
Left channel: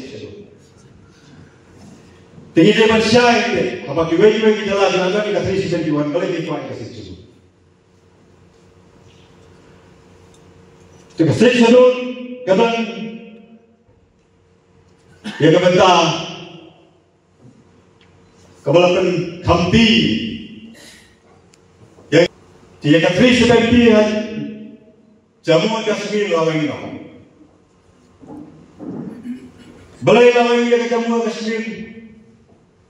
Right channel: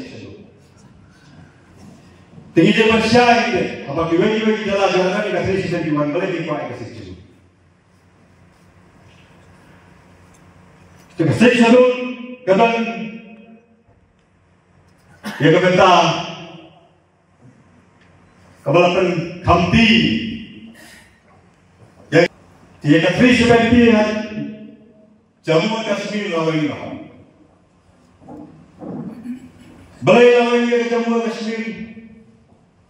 Tinggi dia manusia ini, apa kita jalan kita kasih sesuatu boleh dipakai kasih sesuatu. Kasih sesuatu, kadang ya kata kebalapan kampi, ya dia kasih seperti Jammu Kashmir lawan ini, balai lawan ini Jammu Kashmir.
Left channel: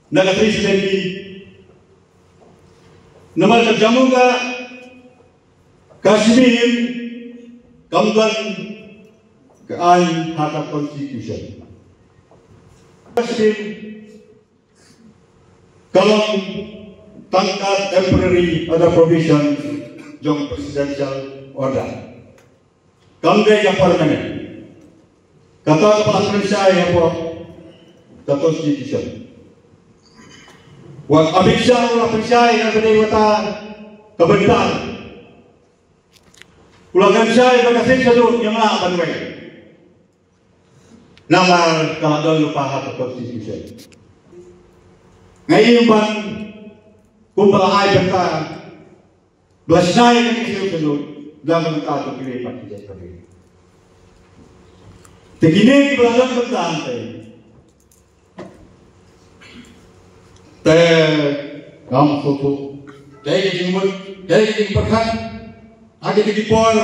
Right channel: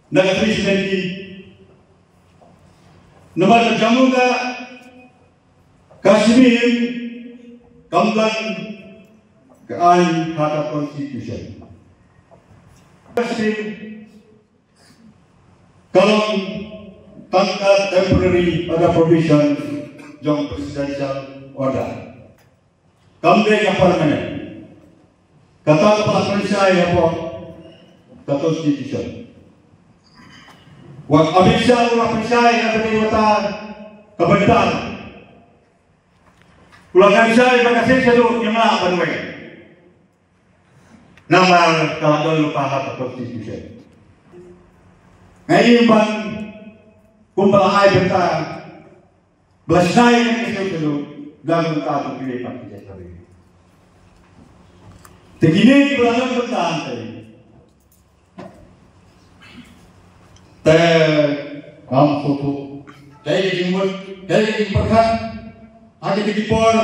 Nagatri seperti nama Jammu Kashmir Kamban kean hak konstitusi. Kashmir kalau tangkap temporary pada provision jong presidential order. Kamde ke parliament kata parliament saya apa konstitusi. Wang abisya ulang abisya yang berdewata kebenaran. Ulang abisya yang berkasih seluruh yang lah banwe. Nama keadaan lupa hak konstitusi. Ngayon bang kumpul ay berta belasay yang seluruh dalam berta tu pilih parti jadi. Tegini belalong berta ante. Ram foto, dari jumut, dari perkan, ada di por,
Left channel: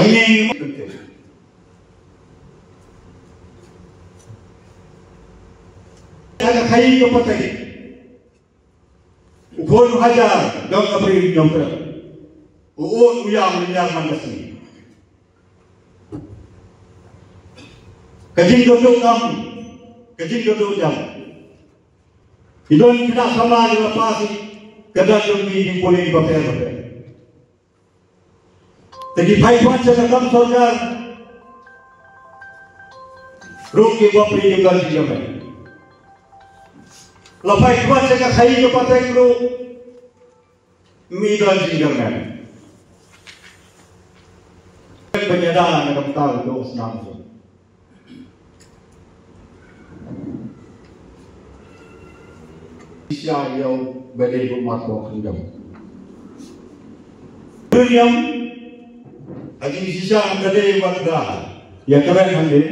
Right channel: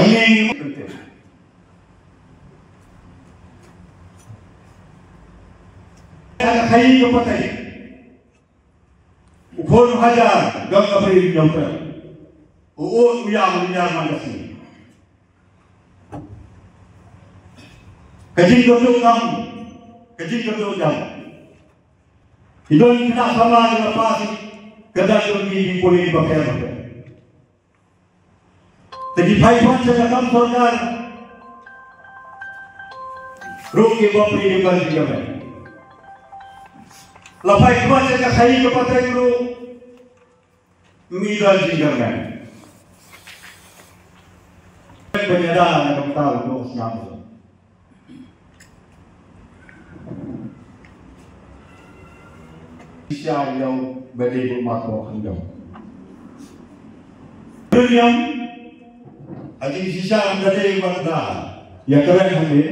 Angin penting. Ada kayu kepakai. Ukon hajar gam abri gambar. Uon uyang linyar mandasi. Kajing gedung jam. Idon kita salah dengan pasi kedai di boleh dipakai. Tapi payah cakap sorgar. Rugi bapri dengan juga. Lepas itu cakap saya kepada guru midan juga. Penyadaran yang tahu itu senang. Siapa yang berdiri masuk hendak? Dunia, aji siapa yang berdiri masuk? Yang keren hendak,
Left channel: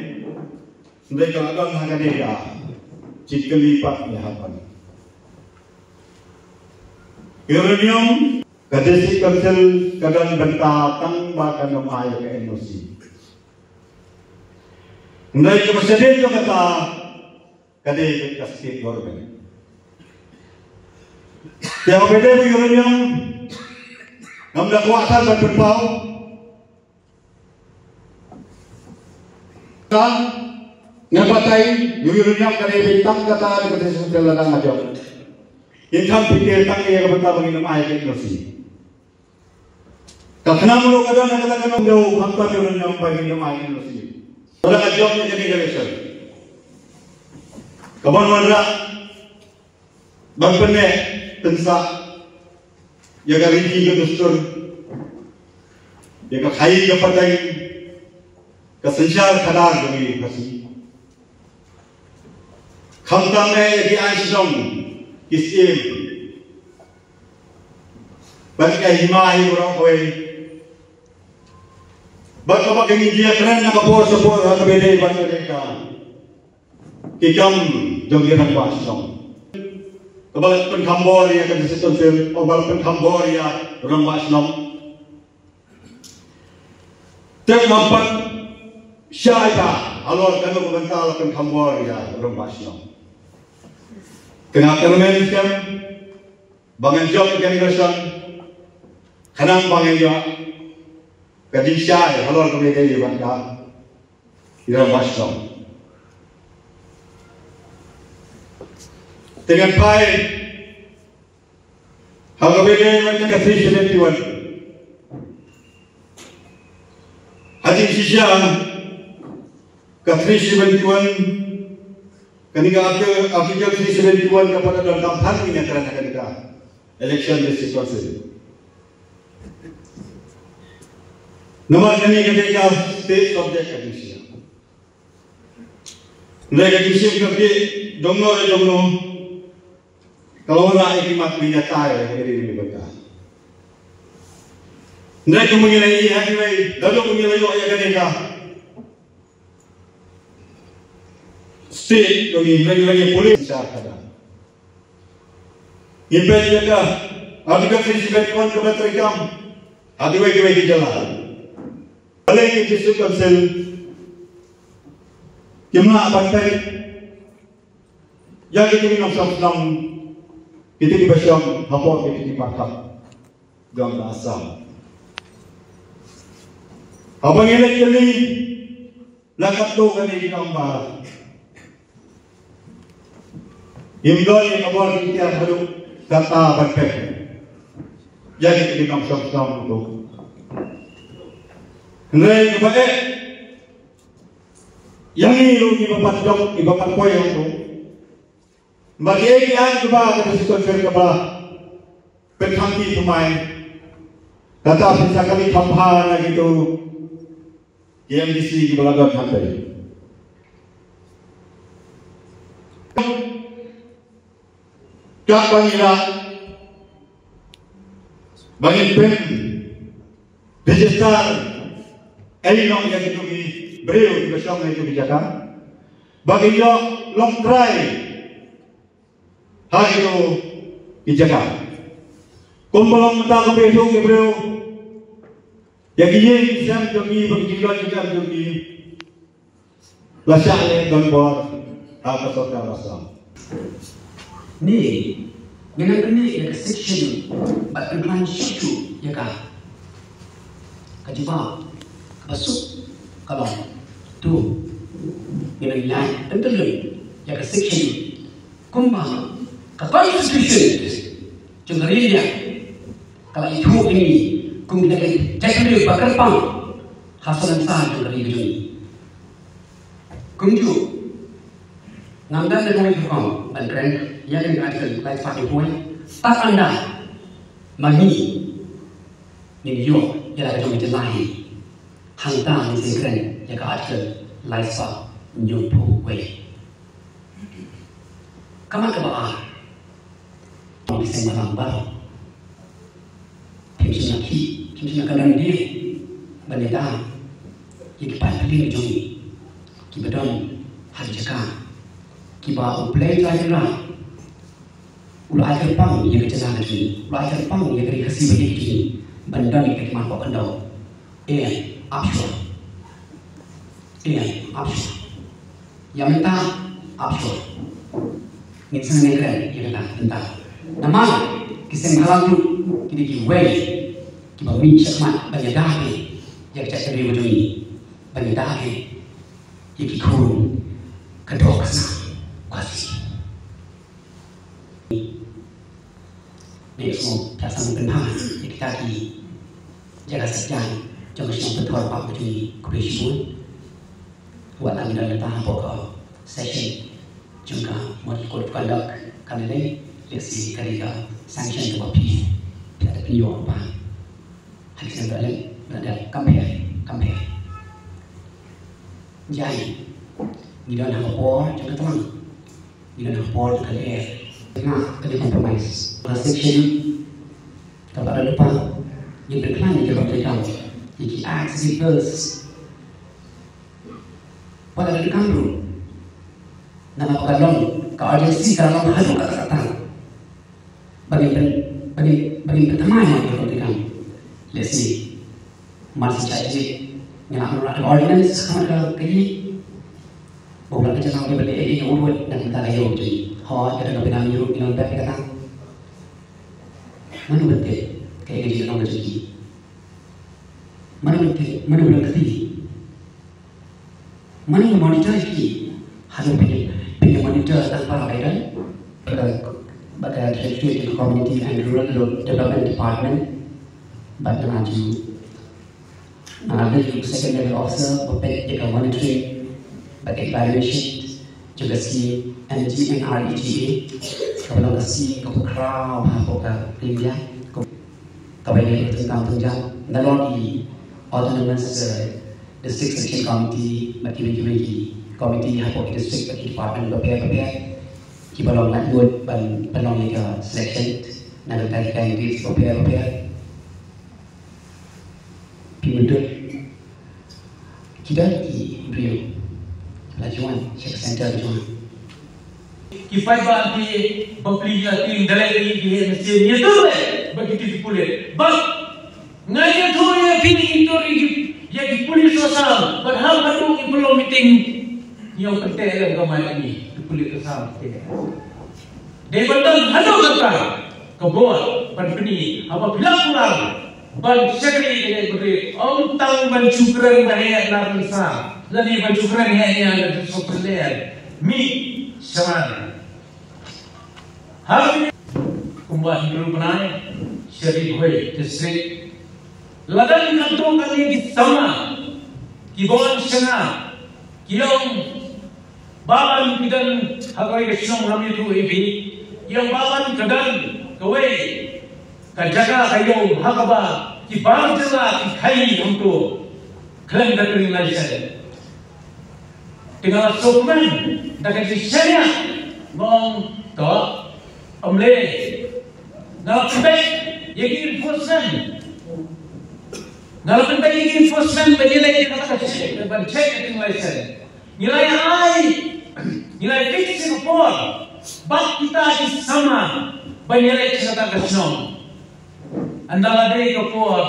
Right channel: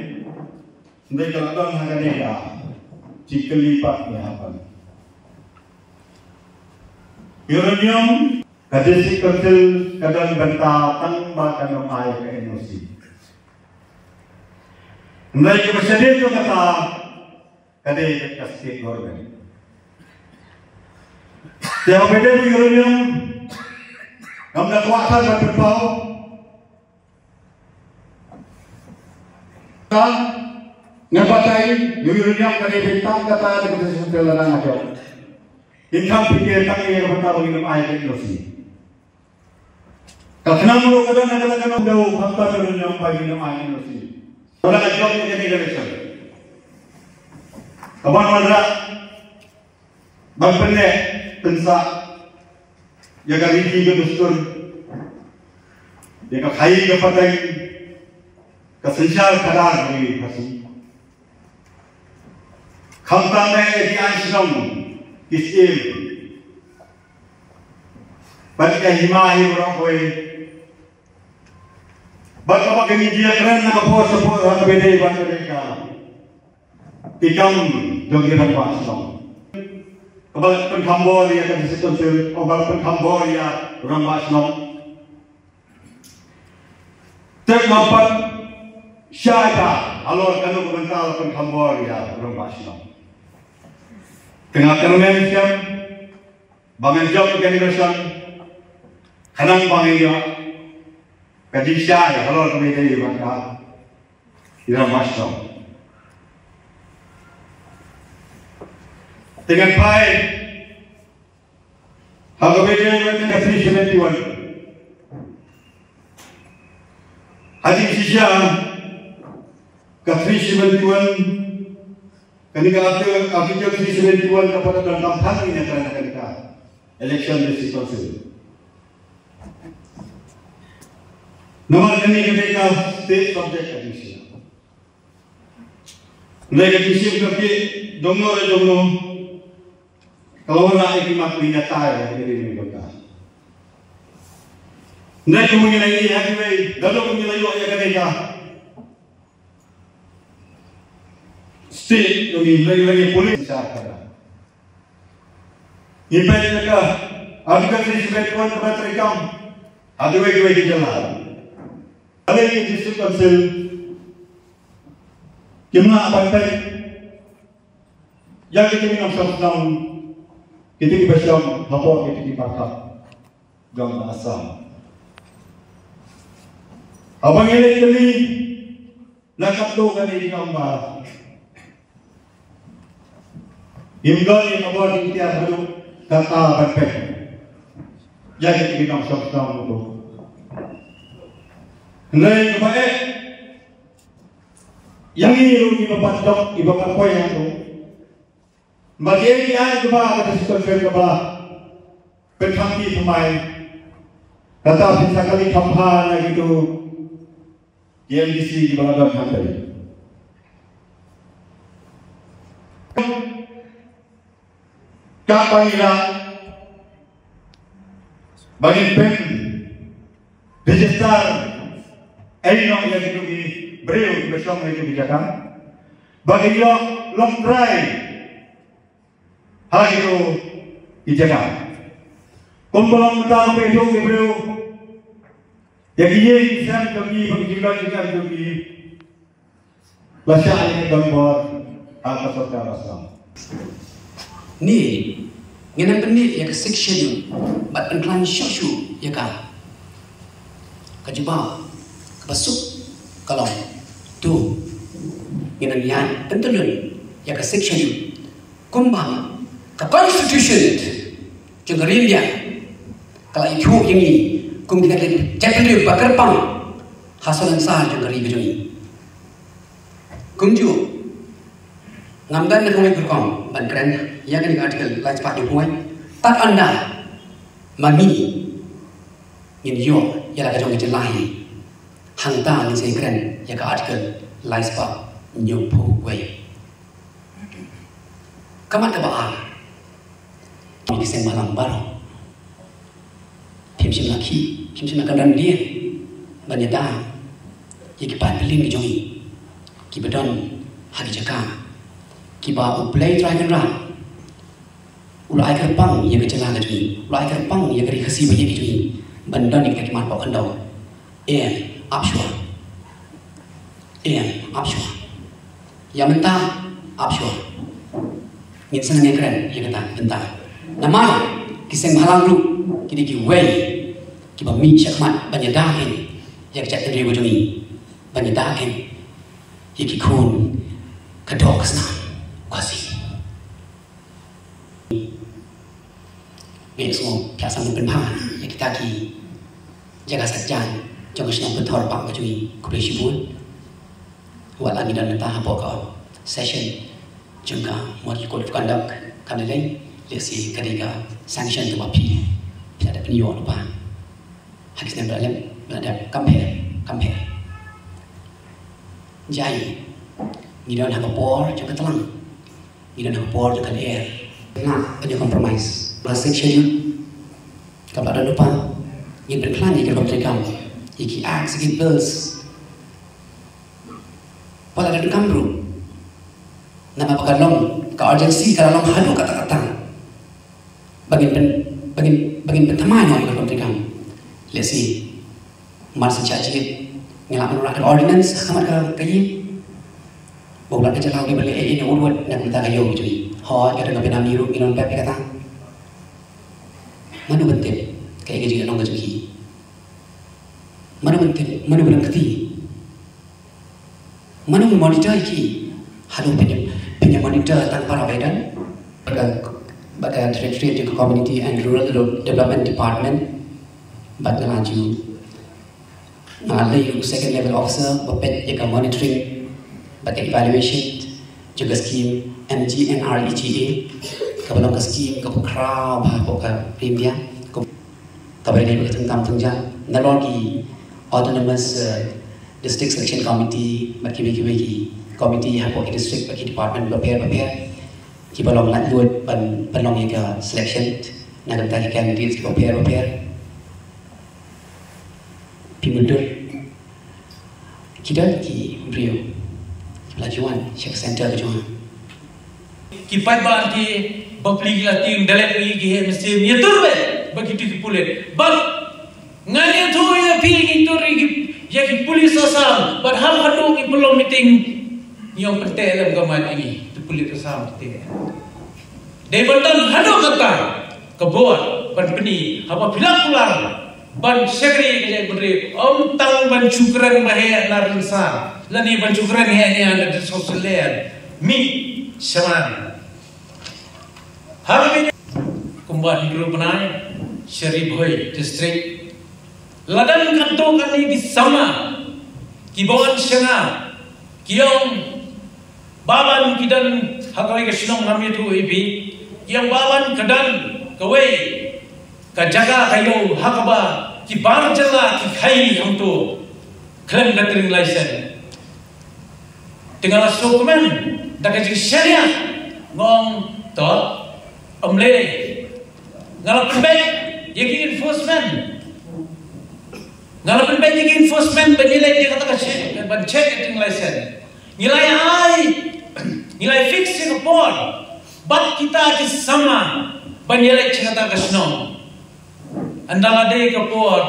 hendak kalau hendak dia, cikelipat lehapan. Uranium, kadesi kertel kadang bentang bahkan memahai emosi. Hendak kita sedih tu kata, kadang kasih korban. Yang beda uranium, nampak kuasa dan berpau. Ngapatai uranium dari bintang kata ada kesesuaian dalam aja. Intam pikir tak ia bertambah minum air emosi. Karena mulu kadang-kadang mulu hampa uranium bagi minum air emosi. Orang ajarnya jadi reaction. Kapan mana bangpene pensa yang riki ke dustur yang khai ke patai ke sensar kadar dari kasih khamtane di anshram kisim bagi himai orang koi bagaimana kini dia keren nak support orang beda bangsa mereka tikam jogiran bangsa Kebal Cambodia kan sesuatu, kebal Cambodia orang Muslim. Terlambat syaitan, alor kanu berbental Cambodia orang Muslim. Tengah kerana kan, bangan job organization, kanang bangan job, kaji syai, alor kami dari bangsa orang Muslim. Dengan baik, harga beda dengan ke 371. Haji sisa ke 371. Ketika artikel 371 kepada dalam kampanye yang kerana kita election district council. Nomor ini kita state subject edition. Mereka disini kerja dongo. Kalau orang ikhmat menyata ya, ini betul. Mereka menilai hakikat, lalu menilai ayat mereka. State, kami lagi polis syarikat. Ini juga, artikel 371 kepada terekam, ada lagi jalan. Ada yang district council, gimana pantai, yang kita minum sama. Kita di Basyam, hapor kita di Pakar, gang Asam. Abang ini lakat tu kan di gambar. Imdol yang abang di tiap hari kata berpek. Jadi kita sama tu. Hendai kepada yang ini lu di bapak dok, di bapak kau yang tu. Bagi yang kepada kesusahan kepada penkampi pemain kata bisa kali kampanye gitu MDC belakang pantai. Kapan ila bagi pen register ayno yang itu di breu besok itu dijaga bagi yo long drive Hagiro dijaga. Kumpulan tahu besok ibu Yang ini saya jogi berjuang juga jogi. Bahasa ini gambar apa sota bahasa. Ni ngena benda ya section bat incline shushu ya ka. Kajiba basuk kalau tu ngena yang tentelun ya ka section kumba ka constitution jengarilia kalau itu ini kum kita jadi bakal pang hasalan sah jengari bidung kumju ngamdan dengan berkong dan keren yang ini artikel lain cepat dibuat tak anda mami ini yo yang ada jomit lain hantar di sini keren yang artikel lain cepat nyumpu way kaman kebaa ini saya malam baru Kimsin nak kadang dia banyak dah yang kita pilih di jomit kita don hari jaka kita play try lah ulai kerpang yang kecil ada tu, ulai kerpang yang kiri kasih banyak tu, benda ni kita mampu kandau, option, yang minta option, ni senang keren, yang kata minta, nama kisah malam tu kita jual, kita minta cakap banyak dah ni, yang cakap dari ujung ni, banyak dah ni, yang kita kun kedok sana, kasih. Ini semua perasaan penpang yang kita di jaga sejarah jangan senang betul pak kecui kuliah buat lagi dalam tahap pokok session juga mau ikut conduct kan lain lesi ketiga sanction tu api bisa ada penyuap apa hadisnya berada compare jadi ni dalam tahap pokok juga tenang ni dalam tahap pokok juga air nah ada compromise section kalau ada lupa yang berkelan di dalam mereka iki acts iki bills pada dari kampung nama pekalong ke urgency kalau hadu kata-kata bagi pertamanya dalam mereka lesi masih caci ngelakukan ordinance sama kayi bukan kerja lagi balik ini urut dan kita kayu cuy hot kita nak pindah miru minum pep kata mana penting kayak gitu orang kerja mana penting mana berarti mana monitor ini harus punya monitor tanpa perbedaan bagai Directorate of Community and Rural Development Department bagai maju mengalih second level officer berpet jaga monitoring bagai evaluation juga skim MGNREGA kebetulan ke skim ke pukra bahkan India kebetulan tentang tunjang nalagi autonomous district selection committee bagi committee hapok district bagi department prepare kita belum nak buat penolong yang selection nak tentang candidates prepare pimundur kita di Rio pelajaran check center pelajaran kipai bagi bapli latin dalam lagi mesti nyetur begitu pulih bab ngaya tu ya pilih itu yang polis asal berhal hadu di belum meeting yang penting dalam gambar ini itu polis asal penting dia betul hadu kata kebuat berpeni apa bilang pulang ban sekali yang beri tang ban cukran bahaya narisa lani ban cukran yang ada di sosial mi seman hari kembali grup naik Sherif Hoi district ladang kantong kami di sama kibawan sana kiong baban kidan hakai kesinong kami tu ibi yang baban kedan kewe kajaga kayo hakaba kibawan jala kikai untuk klaim datang license dengan dokumen dak jadi syariah ngong to omle ngalapan baik yang enforcement ngalapan baik yang enforcement penilai dia kata bancet itu license nilai fix report bak kita di sama penilai cerita kasno andala deh report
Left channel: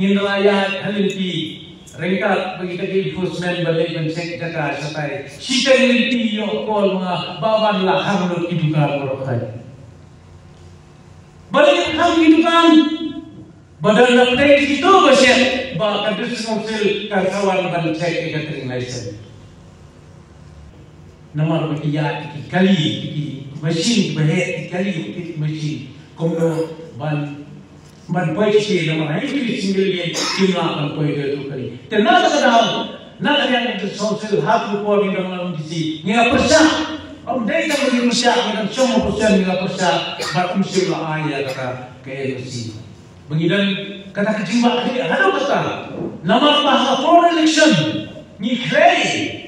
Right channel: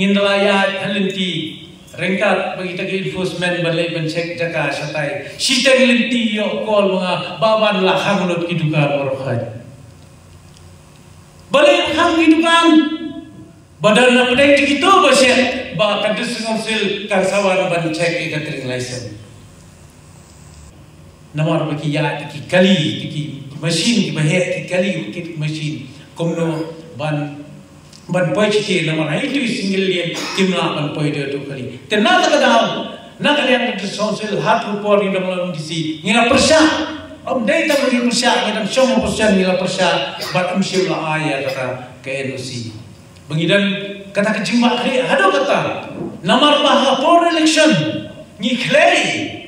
ngindalaya halinti rengkat bagi tagi enforcement balai pencek jaga satai sita halinti yo kol mga baban lahang lo kiduga borokhan balai ham kidugan badal na pedai gitu baset ba kadus konsil kasawan ban cek ikatring license namar bagi ya ki kali ki machine ki bahe ki kali ki machine komno ban poi ci namar itu single dia timna ban poi de kali tenna kadang na kalian di konsil hak report di dalam disi ngira persa om dai ta bagi persa dan semua persa ngira persa ba umsila ayat ka NC Mengidan kata kecimba ada kata nama bah for election ngiklei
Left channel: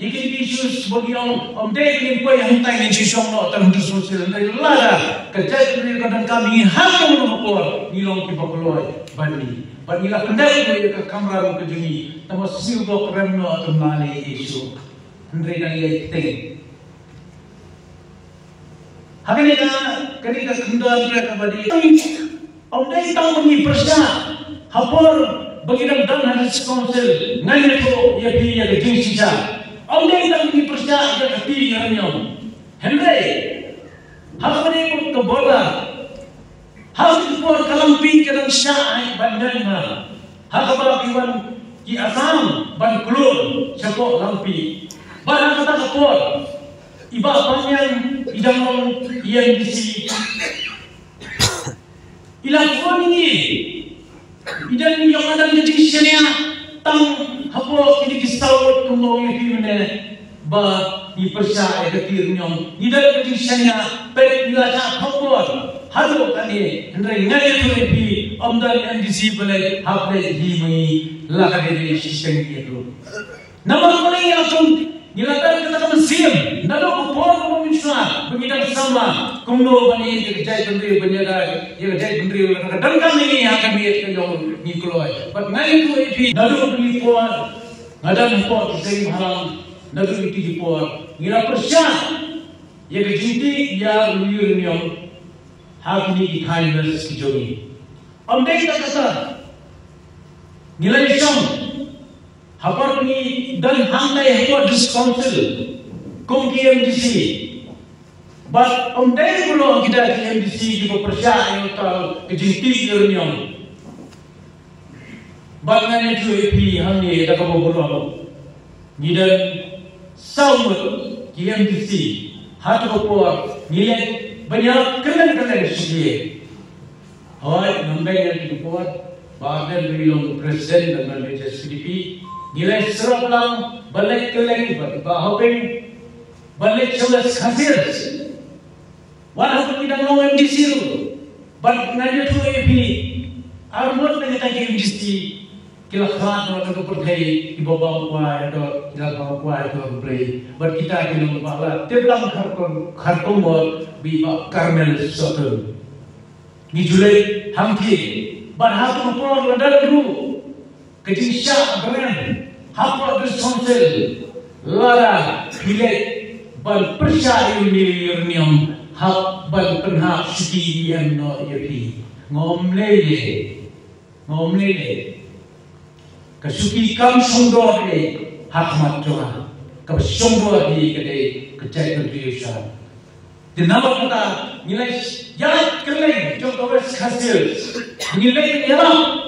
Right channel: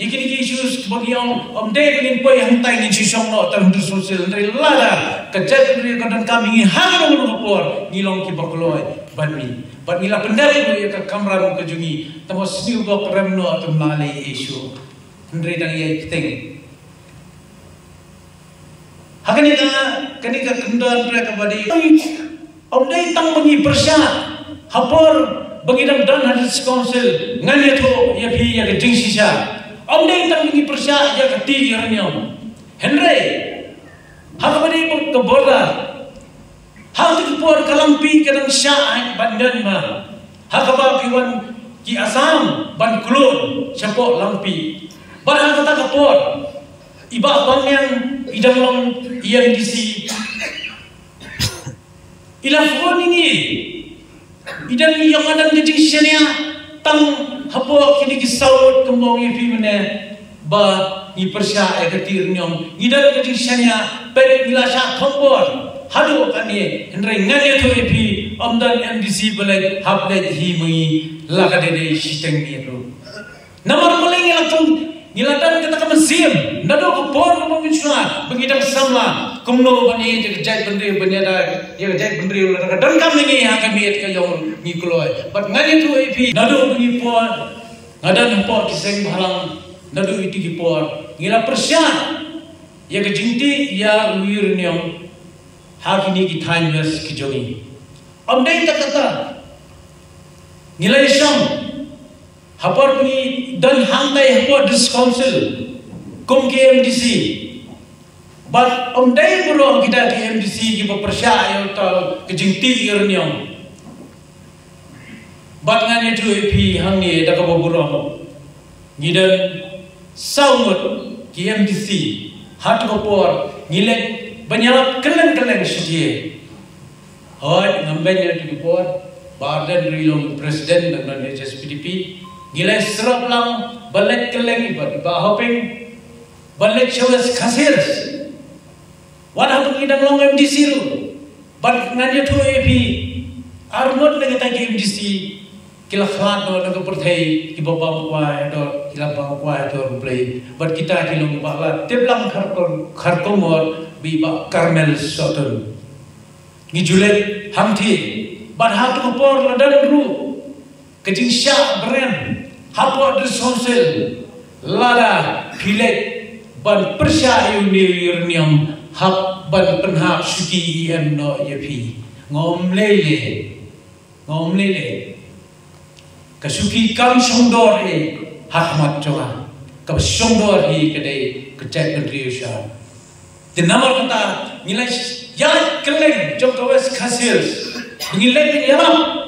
ikin issues bagi om dek ni poi hantai ni sisong no terhadap sosial dari lada kejat ni kadang kami hang menopor ngilong ki bakloi bani nila pendai ni ke kamera ke jungi tamo siu go peremno atau male issue ndre dang ye ting Hakani ketika kendaraan dia kembali, om dai tahu bagi persia, hapor bagi dan hadis council, nganya tu ya pi ya keding sisa, om dai tahu bagi persia ya keti ya nyom, Henry, hakani keborda, hakani kebor kalampi kadang syah bandan ma, hakaba kiwan ki asam ban klon siapa lampi, barang kata kebor. Iba banyan idang yang disi ilang phone ini idang yang kadang jadi syariah tang hapo kini kisau tumong ipi mana ba ni persia ketir nyom idang jadi syariah pen ila syak khobor halo kani hendrai ngani tu ipi amdan NDC balai haplai hi mui lagade dei sistem itu nomor paling yang Nilatan kata mesin, nado kupor memuncul, begitu sama, kumno bani jai bendri benyada, jai bendri dan kami ni akan biat kayong ni keluar. But ngani tu IP, nado ni por, ngadan por kiseng halang, nado itu por, ngila persia, ya kejinti ya luir niam, hak ini kita invest kijoi. Amdai kata, ngila isam. Hapar ni dan hantai hapar dis council kum KMDC but dai bulo kita KMDC ki bepersia yang tal kejinti irniam but ngani tu EP hang ni da ka bulo gidan saumut KMDC hat hapar ngilek banyak kelen suje hoy nambai ni por badan rilong presiden dan HSPDP Gilai serap lang balik keleng bahopeng balik celas kasir. Wadah pengidang long MDC lu, balik nganya tu EP armut lagi tadi MDC kila khat no lagu perthai ki baba kuai do kila baba kuai do play. But kita kilo bala teblang khartom or bi ba Carmel Soton. Ngijule hamthi ban hatu por dalam dulu. Kecil syak brand hapor disonsel lara pilek ban persia unirnium hap ban penhak suki yang no yapi ngomlele kasuki kam sundor hakmat coba kam sundor kedai kecek contribution dinamar kata nilai jalan keleng jom kawas kasir ngilai jalan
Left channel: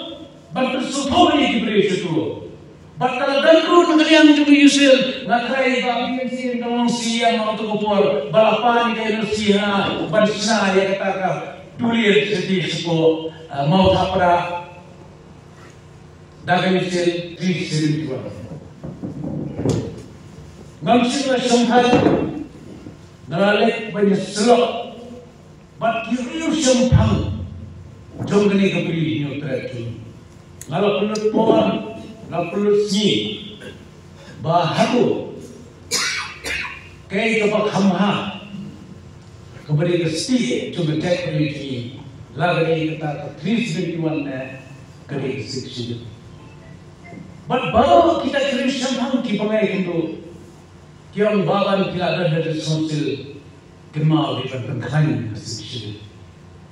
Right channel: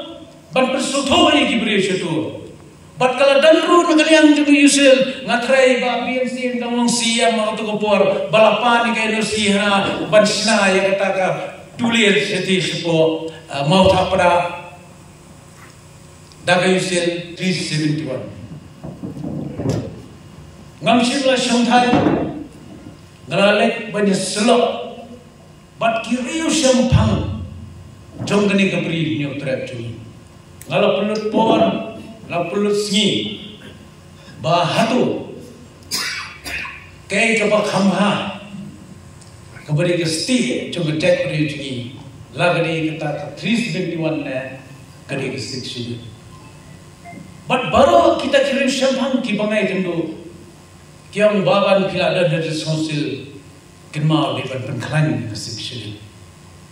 ban bersuto ni kibri suto bat kalau dalru ngaliang tu yusil ngatrai ba BNC tong siam mau tu kopor balapan ke nasiha ban sina ya kata ka tulir seti supo mau thapra daga yusil 371 ngamsila shanthal ngalek ban selo bat kiriu shampang jom gani kabri ni utrat tu Kalau pelut pohon, kalau pelut singi, bahatu, kaya coba kamha, keberi kesti, coba cek beri ini, lagi kata 371 kali ke 6. But baru kita kirim syambang kita pakai kendo, kiam baban kila ada dari konsil, kemau di pengkalan ke 6.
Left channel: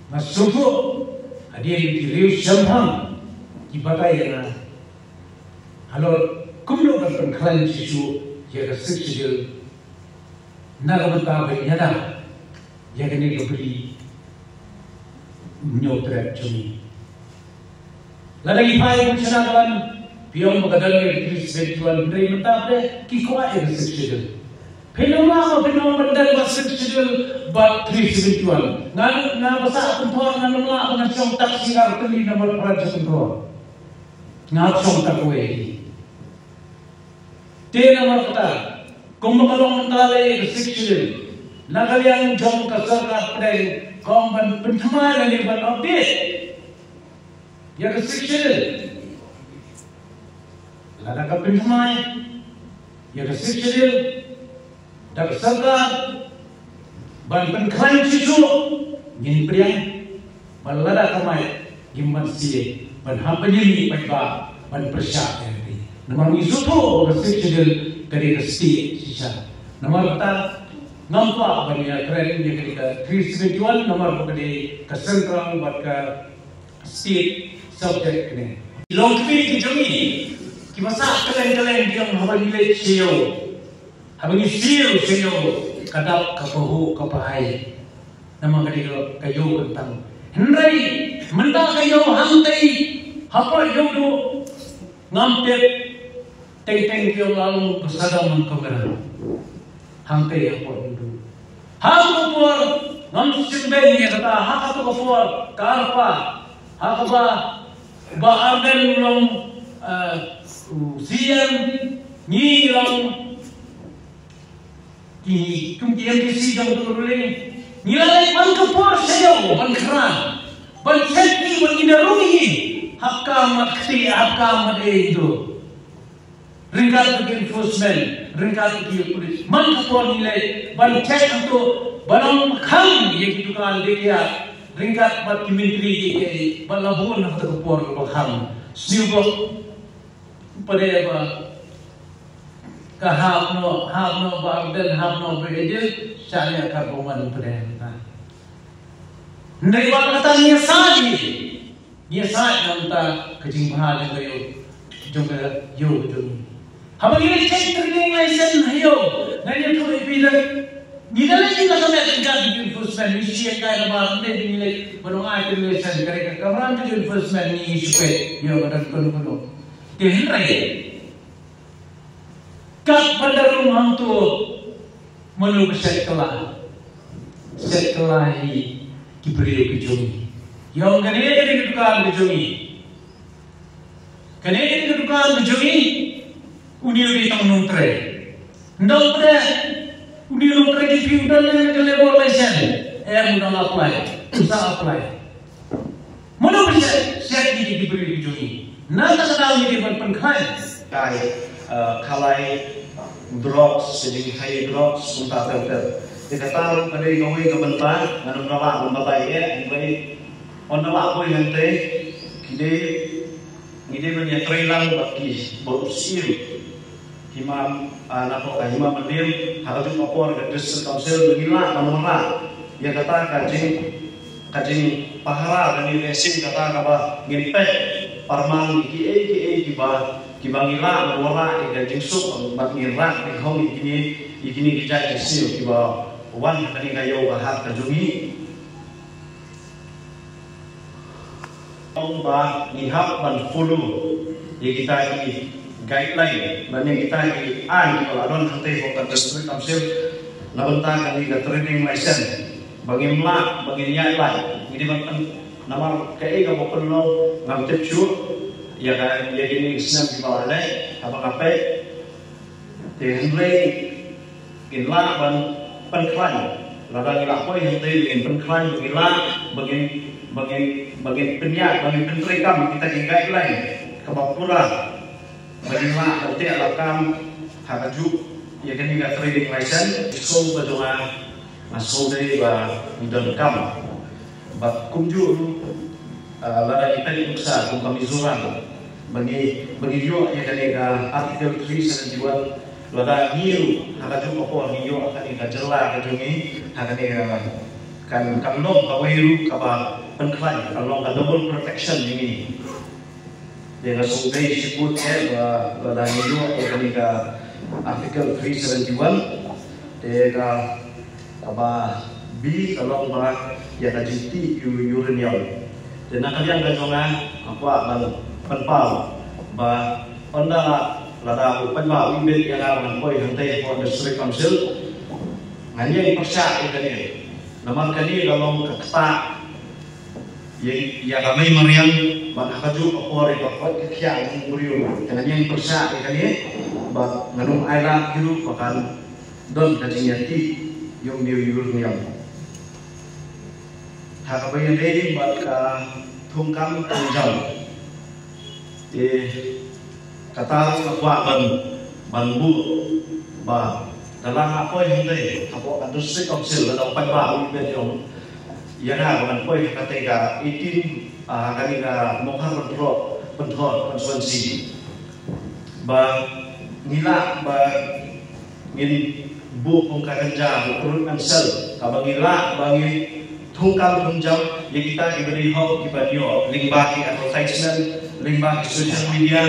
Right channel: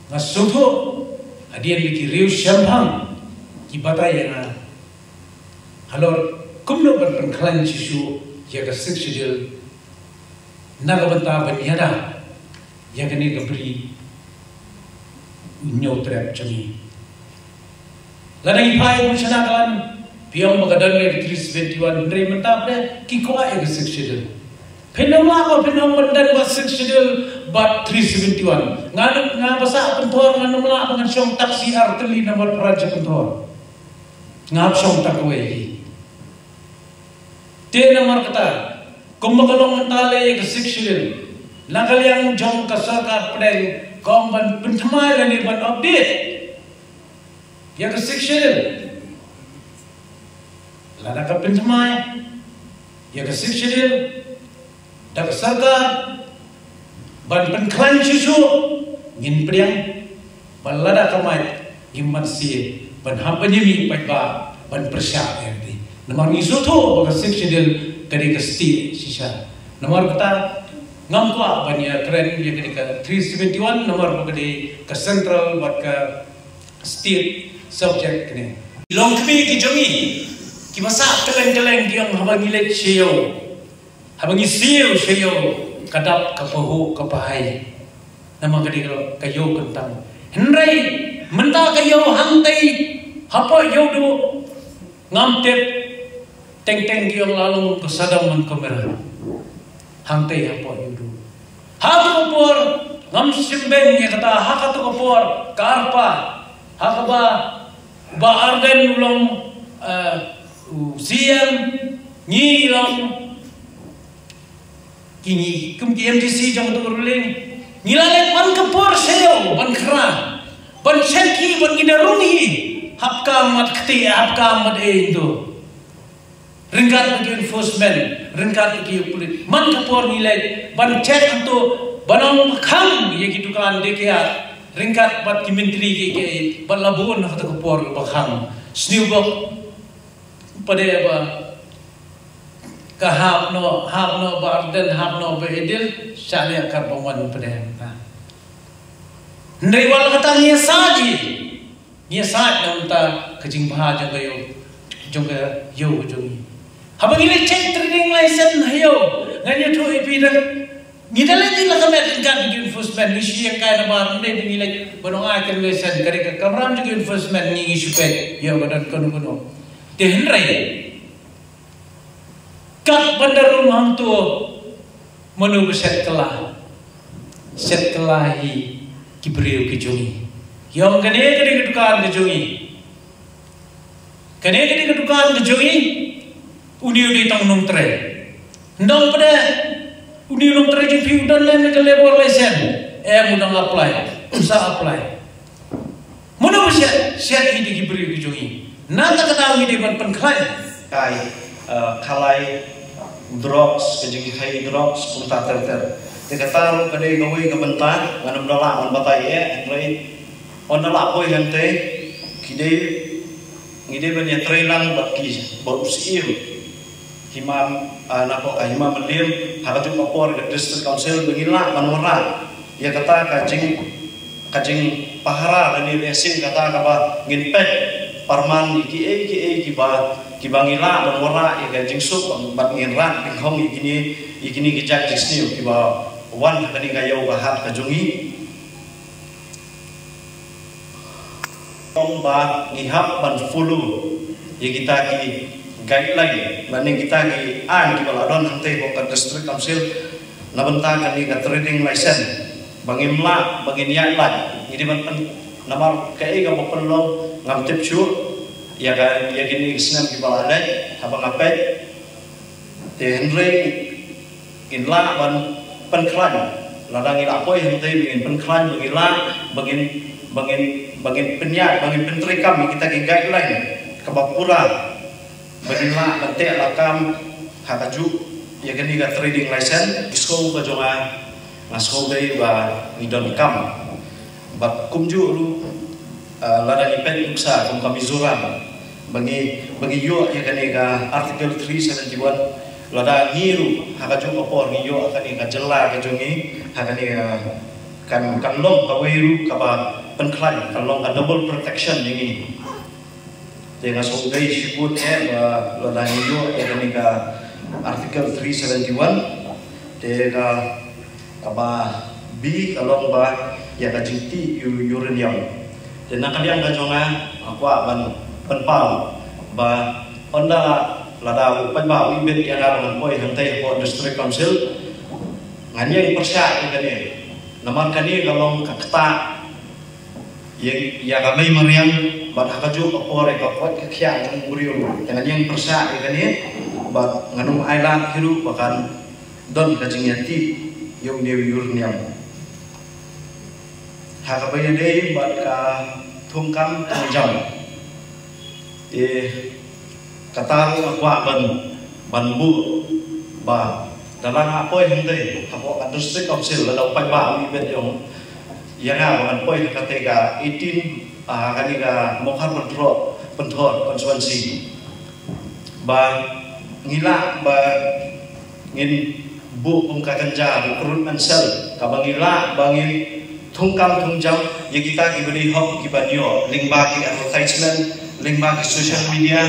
Nasutu Adia ki riu syambang ki batai na halor kumno kan klan chisu ya ka sikshidil nagabanta banyara ya kani gabri nyotrap chumi ladagi pai buchana kan piang magadan me 321 ndre mantap ki ko ay ka sikshidil Penama bandan berseksidil bat 371. Ngan basa kontor ngan mela ngan syong taksi arteli nomor praja kontor. Ngan syong takwe. Te nomor kata kumbakalong mentale berseksidil. Nakal yang jong kasarkar pedai komban pentamai dan ban update. Ya berseksidil. Lada ka pentamai. Ya berseksidil. Dak sarga ban penklan cisu ngin priang ban lada kamai gimman si ban hampanyimi pagba ban persya erti nomor isu tu siksidil kari kasti sisa nomor kata ngampa ban ya keren ya kari ka 371 nomor kari ka central wat ka state subject ni long community jogi ki masa kelen diam hamangile cheo habang isiyo kadap kapuhu kapahai nama kadiro kayo tentang hendrai menta kayo hantai hapa yo do ngamtet teng kiyo lalu kesadam kamera hantai hapa yo do hapa por ngam simben ye kata haka to por karpa haka ba ardan long siam ni lang kini kum KMDC jang tu ruling nilai ban kepor sayo ban kera ban seki ban inaruni hakka mat kti hakka mat itu ringkat ke enforcement ringkat ke polis man kepor nilai ban cek tu banam kham ye gitu kan dekia ringkat bat ki menteri ke ban labun hak kepor bakham sniubok pada apa kahap no barden hap no bedil syariah karbawan pedenta naiwal kata nya saji dan ta kejing bahaja gayo juga yo jogi habang ini check training license hayo nganya tu ipi dak ngidala ni la kami kan di enforcement ni siya kaya ba ne nilai bononga ke license kare ka kamram juga enforcement ni isu pe yo dan kono tehrai kap bandar rumah tu menunggu set kelahi kibriu kijungi yang kene kedukaan kijungi uni tang nuntre ndang pada uni nuntre di fiudan lain ke level lesen mudang apply apply menunggu set ini kibriu kijungi nang kata ini ban penklai kai kalai drugs jadi kai drugs unta ter dikata kadai goi kebentar ngana bala on batai ngai on la boy hente kide ngide banya trailang bakki bau siu himam nako himam melim hakatu opor ke district council ngila manora ya kata kajing pahara dan lesin kata apa nginpet parman ki bangila manora ya jingsuk bangin ran ki hong ikini kijak distiu ki ba wan kani kayo bahat kajungi ba ngihap ban fulu ya kita ki guideline dan kita ki an ki baladon hante ko district council na bentang kani ka trading license bangimla banginya lan ini ban namar kai ka perlu ngam tipsu ya kan ya gini isnan ki baladai habang apai te henry inla ban penklan ladang ila koi hente ingin penklan bagin penyak bagin penteri kami kita ki guideline ke bapura bagaimana nanti alakam hakaju ya gini ka trading license disko bajonga nasko dari ba ngidon kam bak kumju lu ladang ipen uksa kum kami zuran bagi yo ya gini ka artikel 371 lada hiru hakaju opor hiyo akan ika jela kajungi akan ika kan long kawiru kaba penklai kalau nggak double protection ini dengan sungai sebut dah hidup dengan artikel 371 dengan apa B kalau bah ya kajiti uranium dan kalian kajongan apa penpal bah onda lada penpal ibet yang dalam poi hantai for district council nganya persia ini nama kali kalau kata yang kami meriang bat hakaju opore bakot kya yang uriu yang yang persa ini bat nganu island hiru bahkan don kajingati yung uranium hakabaya dei bat ka thungkam tangjam kata wa banbu ba dalam apa yang dei apa district council dalam pai ibet yung yang dengan poin ketiga 18 kaliga mohar pentor konsumensi ba ngila ba ngin bu pungka ganja urut ansel kabangila bangi thungkam thungjau ye kita diberi hok kibanyo link bagi advertisement link bagi social media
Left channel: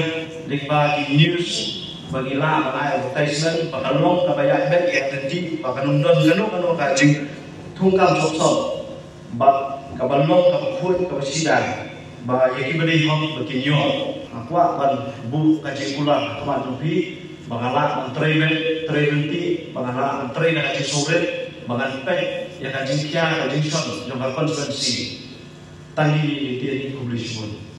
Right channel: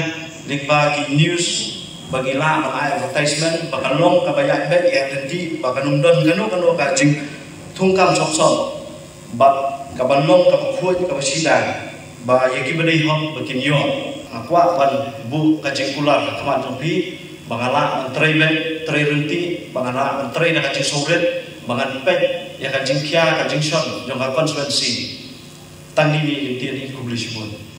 link bagi news bagila advertisement pakalong kabayak bet yang tadi pakanundon ganu kajing thungkam sok bat kabalong kapuut kabasida ba yaki beri hom bakinyo akwa ban bu kajikular akwa tupi bangala trei bangala trei na kajing sobret bangan pet ya kajing kia kajing shop dengan konsumensi tandi yang tiada publish pun